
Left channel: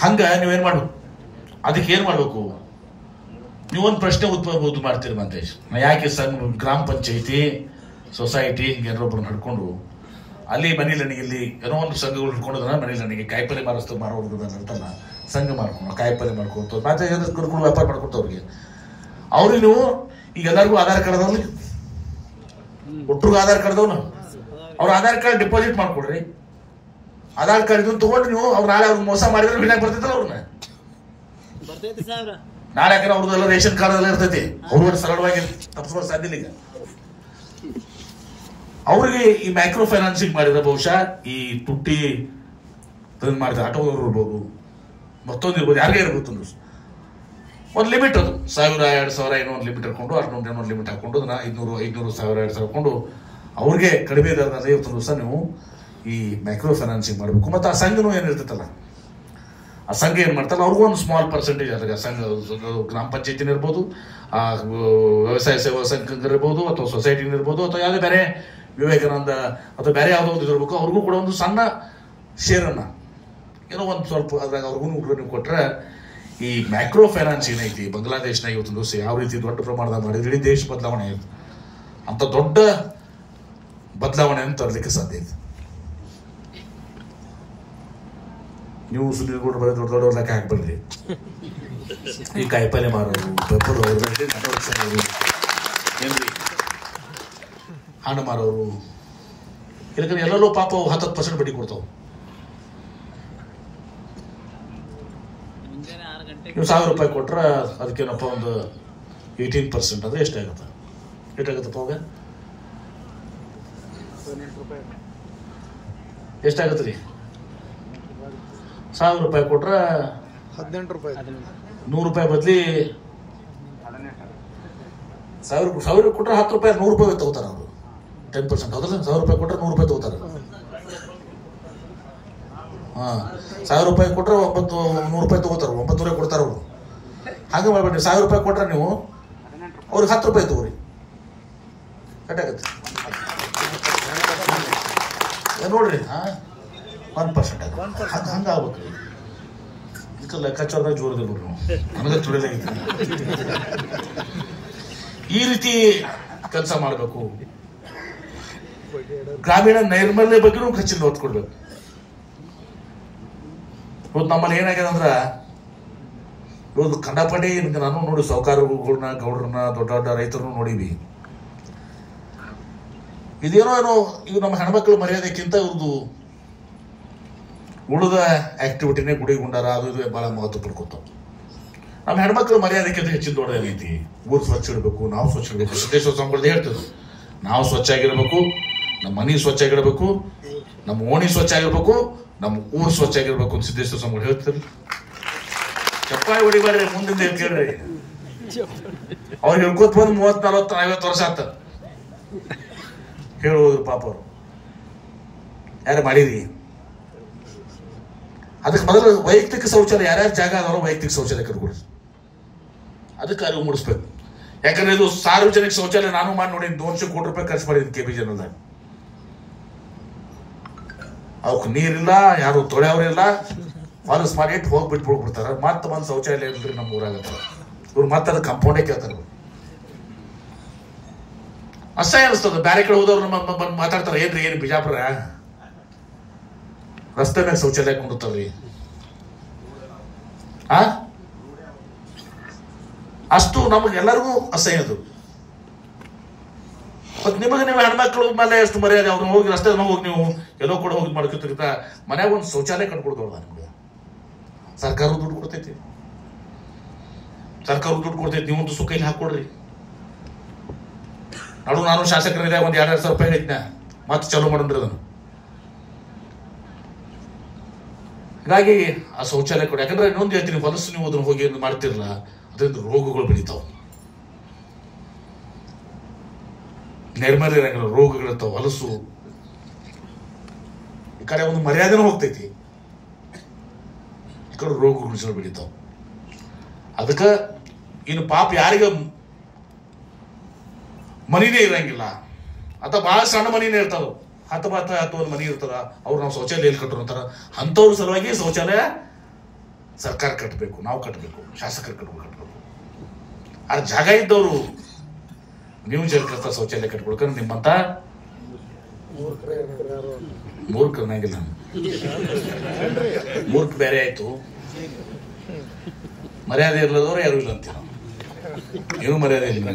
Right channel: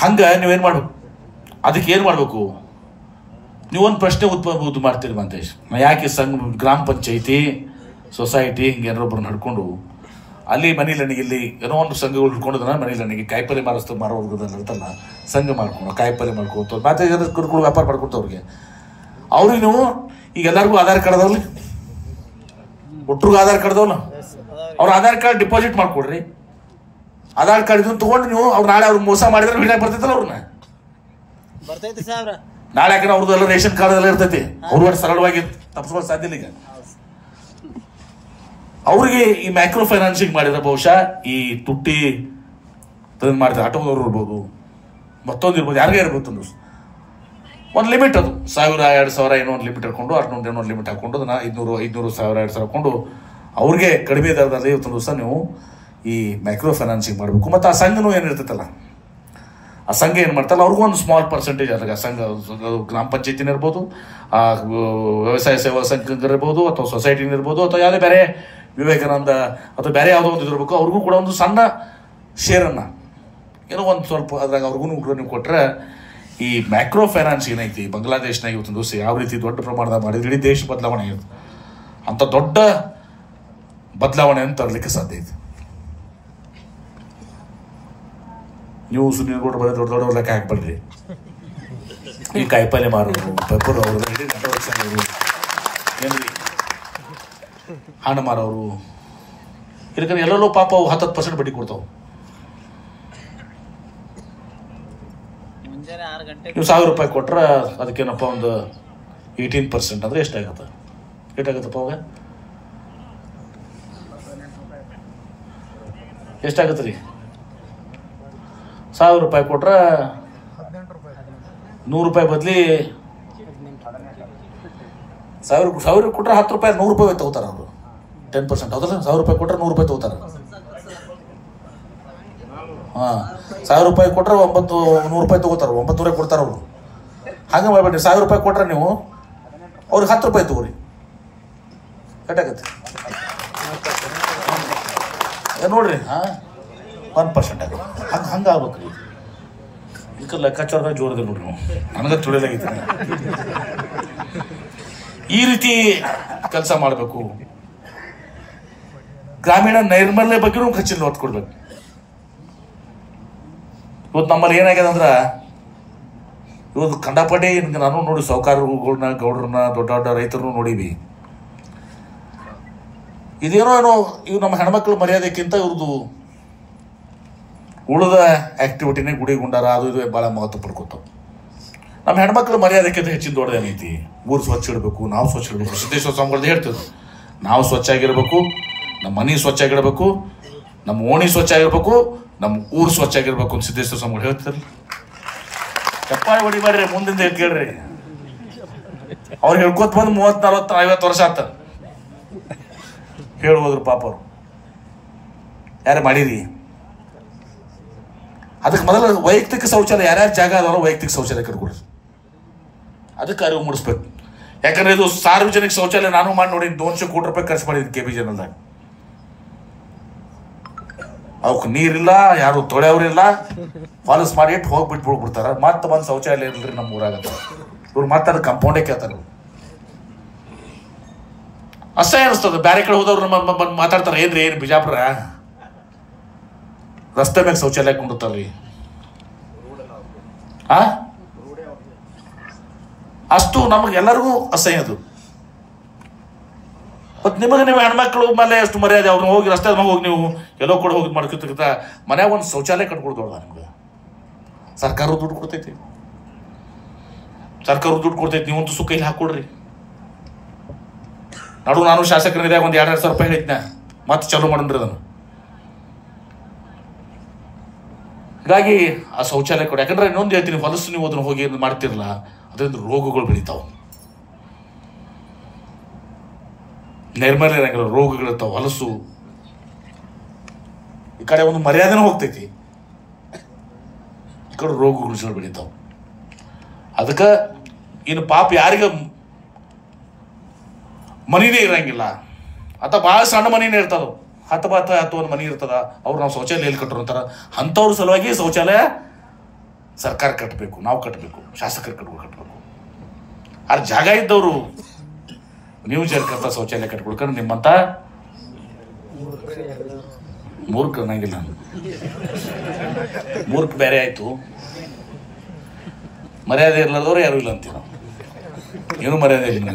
ಹಂಗ ನೀವೇನ್ ಮಾಡ್ಬೇಕು, ಅದಕ್ಕೆ ಏನ್ ಮಾಡ್ಬೇಕು, ನೀವೊಂದು ಪ್ರಶ್ನೆ ಉದ್ಭವ ಮಾಡ್ತೀರಿ ಮಂತೇಶ್, ಯಾಕೆ ಸಂಘ ಗ್ರಾಮ ಪಂಚಾಯಿತಿ ಸೊಸೈಟಿ ಹಿಂಗೆ ಏನಾರೊಬ್ಬರನ್ನ ಹಿಡ್ಕೊಂಡು ಅಲ್ಲಿ ಮನೇಲಿ ಇಲ್ಲಿ ಏನೋ ಒಂದು ಸಂಘಗಳು ಹಿಡ್ಕೊಂಡೋದನ್ನ ಮನೇಲಿ ಕಾಯಿಪಲ್ಲೆ ಮಾರೋರ್ಗದ ಇರ್ತಲ್ಲ ಸಂಘ ಮಾಡ್ಕೊಂಡು ಕಾಯಿಪಲ್ಲೆ ಮಾಡ್ಕೊತ ಮತ್ತೆ ಕುರುಗಳು ವ್ಯಾಪಾರ ಮಾಡ್ಕೊತ ಅವ್ರಿಗೆ ನೀವು ಈಗ ಎಲ್ಲರಿಗೂ ಆಧಾರ್ ಕಾರ್ಡ್ ಅದಾವಲ್ಲ, ಒಟ್ಟರಿಗೂ ಆಧಾರ್ ಕಾರ್ಡ್ ಅದಾವಲ್ಲ, ಅವ್ರ ಆಧಾರ್ ಕಾರ್ಡ್ ಡಿಪಾಸಿಟ್ ಮಾಡ್ಕೊಡ್ರಿ. ಆಧಾರ್ ಕಾರ್ಡ್ ಇದನ್ನು ತಗೊಂಡು ನೀವು ಅವ್ರು ನಾಳೆ ಅವ್ರಿಗೆ ಮೋಸ ಮಾಡಿದ್ರೆ ಹಿಡಿಯಾಕ ಬರ್ತೈತಲ್ಲ ಅವ್ರನ್ನ. ನಾಳೆ ಯಾಕಂದ್ರೆ ಅವ್ರದ್ದೆಲ್ಲ ರೇಷನ್ ಕಾರ್ಡ್ ಎಲ್ಲ ಇರ್ತೈತಿ, ಅವ್ರು ಸರಳವಾಗಿ ತಪ್ಪಿಸ್ಕೊಳ್ಳೋಕೆ ಸಾಧ್ಯ ಇಲ್ಲ. ಈಗ ಅವ್ರಿಗೆ ಈ ಮೈಕ್ರೋ ಫೈನಾನ್ಸಿಂಗ್ ಮಾಡಿದ್ರೆ ಬಹುಶಃ ಈ ತುಟ್ಟಿ ಮಾಡ್ತಾರೆ, ಆಟೋದವ್ರು ಇರ್ಬೋದು, ಮತ್ತೊಂದು ಇರ್ಬೋದು, ಯಾರಿಗೆ ಇರ್ಬೋದು, ಒಂದು ಲಿಮಿಟ್ ಅದು 1000 2000 ಏನೋ ಒಂದು ಲಿಮಿಟ್ ಹಾಕೊಂಡು 600 ಏನೋ ಒಂದು ಲಿಮಿಟ್ ಹಾಕೊಂಡು 500 1000 2000 ಹಾಕೊಂಡು ಅವ್ರಿಗೆ ಕಡಿಮೆ ದರದಲ್ಲಿ ಇವತ್ತು ದಿವಸ ನೀವು ಈ ಮೈಕ್ರೋ ಫೈನಾನ್ಸಿಂಗ್ ಮಾಡಬೇಕು. ಮತ್ತು ಆ ಸಂಘನೂ ಏನಿರ್ತೈತಲ್ಲ, ಆ ಸಂಘ ಏನು ಮಾಡ್ತಾರಲ್ಲ ಅವ್ರಿಗೂ ಒಂದು ಸ್ಮಾಲ್ ಪರ್ಸೆಂಟೇಜ್ ಅದಾಗ ಸಂಘ, ಗ್ರಾಮ ಪಂಚಾಯತಿನ ಇರ್ಬೋದು, ಆ ವ್ಯವಸಾಯ ಸೇವಾ ಸಂಘ ಇರ್ಬೋದು, ಅಥವಾ ಸೊಸೈಟಿನ ಇರ್ಬೋದು, ಅಥವಾ ಯಾವುದೇ ಬೇರೆ ವಿವೇಕಾನಂದ ಅಥವಾ ಬೇರೆ ಯಾವುದೋ ಒಂದು ಇದಿರ್ಬೇಕು, ಅವ್ರಿಗೂ ಕೂಡ ಒಂದು ಸಣ್ಣ ಶೇರನ್ನು ಏನೋ ಒಂದು ಸ್ವಲ್ಪ ಅದ್ರಾಗ ಅವ್ರಿಗೂ ನೀವು ಕೊಟ್ಟರೆ ಈ ಮೈಕ್ರೋ ಫೈನಾನ್ಸ್ ಏನೈತಿ ಬಾಂಗ್ಲಾದೇಶನಾಗ ಇವತ್ತು ದಿವಸ ಯಾವ ರೀತಿ ದೊಡ್ಡ ಪ್ರಮಾಣದ ಮಾಡಿದ್ರೆ ಇಡೀ ದೇಶ ಬದಲಾವಣೆ ಆಯಿತು. ಅಂತ ದೊಡ್ಡ ಬದಲಾವಣೆಯನ್ನು ತರಲಿಕ್ಕೆ ಸಾಧ್ಯ ಐತಿ. ನೀವು ಸುನೀಲ್ ಗೌಡ್ರು ಬರೀ ದೊಡ್ಡ ದೊಡ್ಡ ಲೆಕ್ಕ ಹಾಕ್ಬಲ್ರಿ, ಈ ಕಾಯಿಪಲ್ಯ ಮಾರೋರು, ಏನ್ರಿ ಹಣ್ಣು ಮಾರೋರು, ಇದಕ್ಕೆ ಎಲ್ಲರೂ ಪಾಪ 10% ಬಡ್ಡಿ ಕೊಡ್ತಾವ. ನೀವು 1000 ರೂಪಾಯಿ ಕೊಟ್ರೆ ಅದಕ್ಕೇನಪ್ಪ ಒಂದು 18% ಅಂದ್ರೆ ಎಷ್ಟಾಗತ್ತ? ಎಷ್ಟಾಗತ್ತಪ್ಪ ಅವಾಗ? ಎಷ್ಟಾಗತ್ತೆ ರೀ? 1000 ರೂಪಾಯಿ ಕೊಟ್ರೆ 100 ರೂಪಾಯಿ ಬದ್ಲಿ 1000 ಕೊಟ್ರೆ 10 ರೂಪಾಯಿ 100 ರೂಪಾಯಿ ತಗೋತಾರ ಅವರು, 10%. ಅದಲ್ಲ 1000 ರೂಪಾಯಿ ಕೊಟ್ರೆ 100 ರೂಪಾಯಿ ತಗೋತಾರ. 1000 ರೂಪಾಯಿ ಕೊಟ್ರೆ 100 ರೂಪಾಯಿ ತಗೋತಾರ, 900 ಕೊಡ್ತಾರ ಅವರು. ಹಂಗೆ ಮಾಡ್ಬೇಡ್ರಿ, 1000 ರೂಪಾಯಿ ಕೊಟ್ರೆ ನೀವು ಅವ್ರಿಗೆ 10 ರೂಪಾಯಿ ತಗೋರಿ, ಕಟ್ಟಾಗತ್ತೆ ನೋಡ್ರಿ. 1% ಆಗುತ್ತೆ, ಹಂಗೆ ಆಗ್ಬೇಕು ರೀ. ಇದಕ್ಕೆ ಲೆಕ್ಕಾಚಾರ ಜೋರದ ನೋಡ್ರಿ, ನನಗೆ ತುಳಿದಾಗಿತ್ತು. ಈ ರೀತಿ ಕೆಲಸ ಮಾಡಬೇಕು. ಗ್ರಾಮೀಣ ನೈರ್ಮಲ್ಯ ಬಗ್ಗೆನೂ ಹೆಚ್ಚಿನ ಒತ್ತು ಕೊಡ್ಬೇಕು. ಇವತ್ತು ನಮ್ಮಲ್ಲಿ ಏನಾಗ್ಯದ ಅಂದ್ರೆ ಇವತ್ತು ಕಂಡಾಪಟ್ಟಿ ನಾನು ನೋಡಿ ಸಾಹುಕಾರಗಳನ್ನ, ಗೌಡ್ರನ್ನ, ದೊಡ್ಡ ದೊಡ್ಡ ರೈತರನ್ನು ನೋಡಿವಿ. ಇದೇನೋ ಇವು ನಮ್ಮ ಹೆಣ್ಮಕ್ಳ ಮರ್ಯಾದಕ್ಕಿಂತ ಇವ್ರದ್ದು ಉಳಿದ ಆಕ್ಟಿವಿಟಿನೇ ಗುಡಿ ಗುಂಡಾರ ಅದು ಇದು ಬಹಳ ಮಹತ್ವ ಪಡ್ಕೊತಾವ. ನಮ್ಮ ಹೆಣ್ಮಕ್ಳ ಮರ್ಯಾದಕ್ಕಿಂತ ಹೆಚ್ಚಿನ ದೊಡ್ಡದೇನೈತಿ? ಊರು ಸ್ವಚ್ಛ ಇಡಬೇಕು, ನಾವು ಸ್ವಚ್ಛ ಇಡಬೇಕು. ಸಿದ್ದೇಶ್ವರ ಸ್ವಾಮಿಗಳದ್ದು ಹೇಳ್ತಿದ್ರು, ನಾವು ಸ್ವಚ್ಛ ಆಗಿರ್ಬೇಕು, ನಮ್ಮ ಮನೆ ಸ್ವಚ್ಛ ಆಗಿರ್ಬೇಕು, ನಮ್ಮ ಓಣಿ ಸ್ವಚ್ಛ ಆಗಿರ್ಬೇಕು, ನಮ್ಮ ಊರು ಸ್ವಚ್ಛ ಆಗಿರ್ಬೇಕು ಅಂತ ಸಿದ್ದೇಶ್ವರ ಸ್ವಾಮಿಗಳು ಹೇಳ್ತಿರ್ಲಿ. ಚಪ್ಪಾಳಿ ಹೊಡಿಬೇಡ್ರಿ, ಮುಂದಿಂದ ಕೇಳ್ರಿ. ಅವ್ರು ಹೇಳ್ಕೊತ ಬಂದು 30 40 50 ವರ್ಷ ಆತ ಹೇಳ್ಬೋದ್ರು ಪಾಪ. ಅವ್ರು ಯಾರು ಮಾಡಿರಿ? ಅದಕ್ಕೆ ಮೊದಲು ವೈಯಕ್ತಿಕ ಶೌಚಾಲಯ, ಯಾರ್ಯಾರು ಜಾಗ ಅದವರು ವೈಯಕ್ತಿಕ ಶೌಚಾಲಯ ಕರ್ಕೊಡ್ರಿ. ಅದಕ್ಕೆ ಅರಿವು ಮೂಡಿಸ್ಬೇಕು. ಯಾಕಂದ್ರೆ ಇದು ಸಾರ್ವಜನಿಕ ಶೌಚಾಲಯ ನಾನು ಮಾಡಿ ನೋಡಿ 200 ಕೋಟಿ ರೂಪಾಯಿ ಖರ್ಚು ಮಾಡಿದ್ದೀನಿ KBJನಲ್ದಾಗ. ಅವಕ್ಕೆ ನೀರಿಲ್ಲ, ಯಾರು ತೊಳೆಯವ್ರಿಲ್ಲ, ಫಾಲಸ್ ಮಾಡಿ ಇಟ್ಟು ಹೋಗ್ಬಿಟ್ಬಿಡ್ತಾರ. ಮತ್ತೆ ಬಂದು ಶೌಚಾಲಯ ಇಲ್ರಿ ನಮ್ಮ ಊರಾಗತ್ತೆ. ಇವ್ರು ಮತ್ತೆ ಅದು ಕಂಪೌಂಡೇ ಕೇಳ್ತಾರ. ಅಸಹ್ಯ ಅನಿಸ್ತದೆ. ಬೇರೆ ಕಡೆ ಹೋದವ್ರು ಬಂದು ಮಾತಾಡ್ತಾರೆ, ಏನ್ರಿ ಏನು ಬಿಜಾಪುರ ರಸ್ತೆ ಮೇಲೆ ಶೌಚಾಲಯ ಕೊಂಡಿರ್ತಾರ್ರಿ. ಅಷ್ಟು ನಮಗೆಲ್ಲರಿಗೂ ಅಸಹ್ಯ ಅದು. ಮತ್ತೆ ನಿಮಗೆ ಹೆಣ್ಮಕ್ಳು ಮೇಲೆ ಎಷ್ಟು ಮರ್ಯಾದೆ, ಅವ್ರನ್ನ ಹೋಗಿ ರಸ್ತೆ ಹೋಗಿ ನೀವು ಎಲ್ಲೋ ಕೂಡ ಹೋಗಿ ಮಾಡ್ಕೊತ ಮನ್ಯಾಗ ಒಂದು ಶೌಚಾಲಯ ಕಟ್ಕೊಡ್ದವ್ರ. ನಮ್ಗೆ ಸರ್ಕಾರ ದುಡ್ಡು ಕೊಡ್ತೈತಿ, ಸರ್ಕಾರ ದುಡ್ಡು ಕೊಡ್ತೈತಿ. ನೀವಂತೂ ಸುಖ ಇಲ್ಲಿ ಹಾಕೊಡ್ರಿ. ನಾನು ಶಾಸಕರಿದ್ದಾಗ ಒಂದು 2,000 ರೂಪಾಯಿ ಹೇಳಿದ್ನ, ಮತ್ತೆ ಚಾಲೂ ಮಾಡಿದ್ರಿ ಅದನ್ನು. ಹೀಗಾಗಿ ಆ ಶೌಚಾಲಯ ಕೊಡಿ. ಯಾಕಂದ್ರೆ ಇನ್ನೊಂದು ಹೇಳ್ತೀನಿ, ಹೊಲಸು ನೀವು ಅದನ್ನು ಹೋಗಿ ಮಾಡ್ತಿರಲ್ಲ, ಅದರಿಂದ ರೋಗಗಳು ಬೆಳಿತಾವ, ನೈರ್ಮಲ್ಯ ರೋಗಗಳಿರ್ತಾವ. ಹೊಲಸು ಈ ಕಡೆ ಒಂದು ಮರ್ಯಾದೆನೂ ಹೋಗ್ತೈತಿ, ಈ ಕಡೆ ರೋಗಗಳು ಬೆಳಿತಾವ. ಅದಕ್ಕೆ ಇನ್ನು ಪಾಪ ಯಾರಿಗೆ ಮನಿನೇ ಇರಂಗಿಲ್ಲ ಅಥವಾ ಬಹಳ ಸಣ್ಣ ಮನಿನೇ ಇರ್ತಾವ, 10 ಒಂದು ಮನಿ ಇರ್ತದ, ಅವ್ರು ನಾವು ಶೌಚಾಲಯ ಎಲ್ಲಿ ಕಟ್ಟರು ಅಂತಾರ. ಅಂಥವ್ರ ಸಲುವಾಗಿ ಶೌಚಾಲಯ ಸರ್ಕಾರ ಕಟ್ಟಬೇಕು, ನಾವು ಕಟ್ಟಬೇಕು, ಶಾಸಕರು ಕಟ್ಟಬೇಕು. ಆ ಜಾಗ ಇದ್ದವರು ನೀವು ಜರ್ಕಂತ ಶೌಚಾಲಯ ಕಟ್ಕೊಡ್ಕೊಂಡು ನಿಮ್ಮಂತ ಮೂರ್ಖನಾಗಿಲ್ಲ. ಮೂರ್ಖ ಬೇರೆ ಆಯ್ತು, ಮರ್ಯಾದೆ ಇಲ್ಲದವ್ರು ಯಾರು ಇಲ್ಲ ಅಂತೀವಿ. ಏನು ಮರ್ಯಾದೆ ಇಲ್ಲ.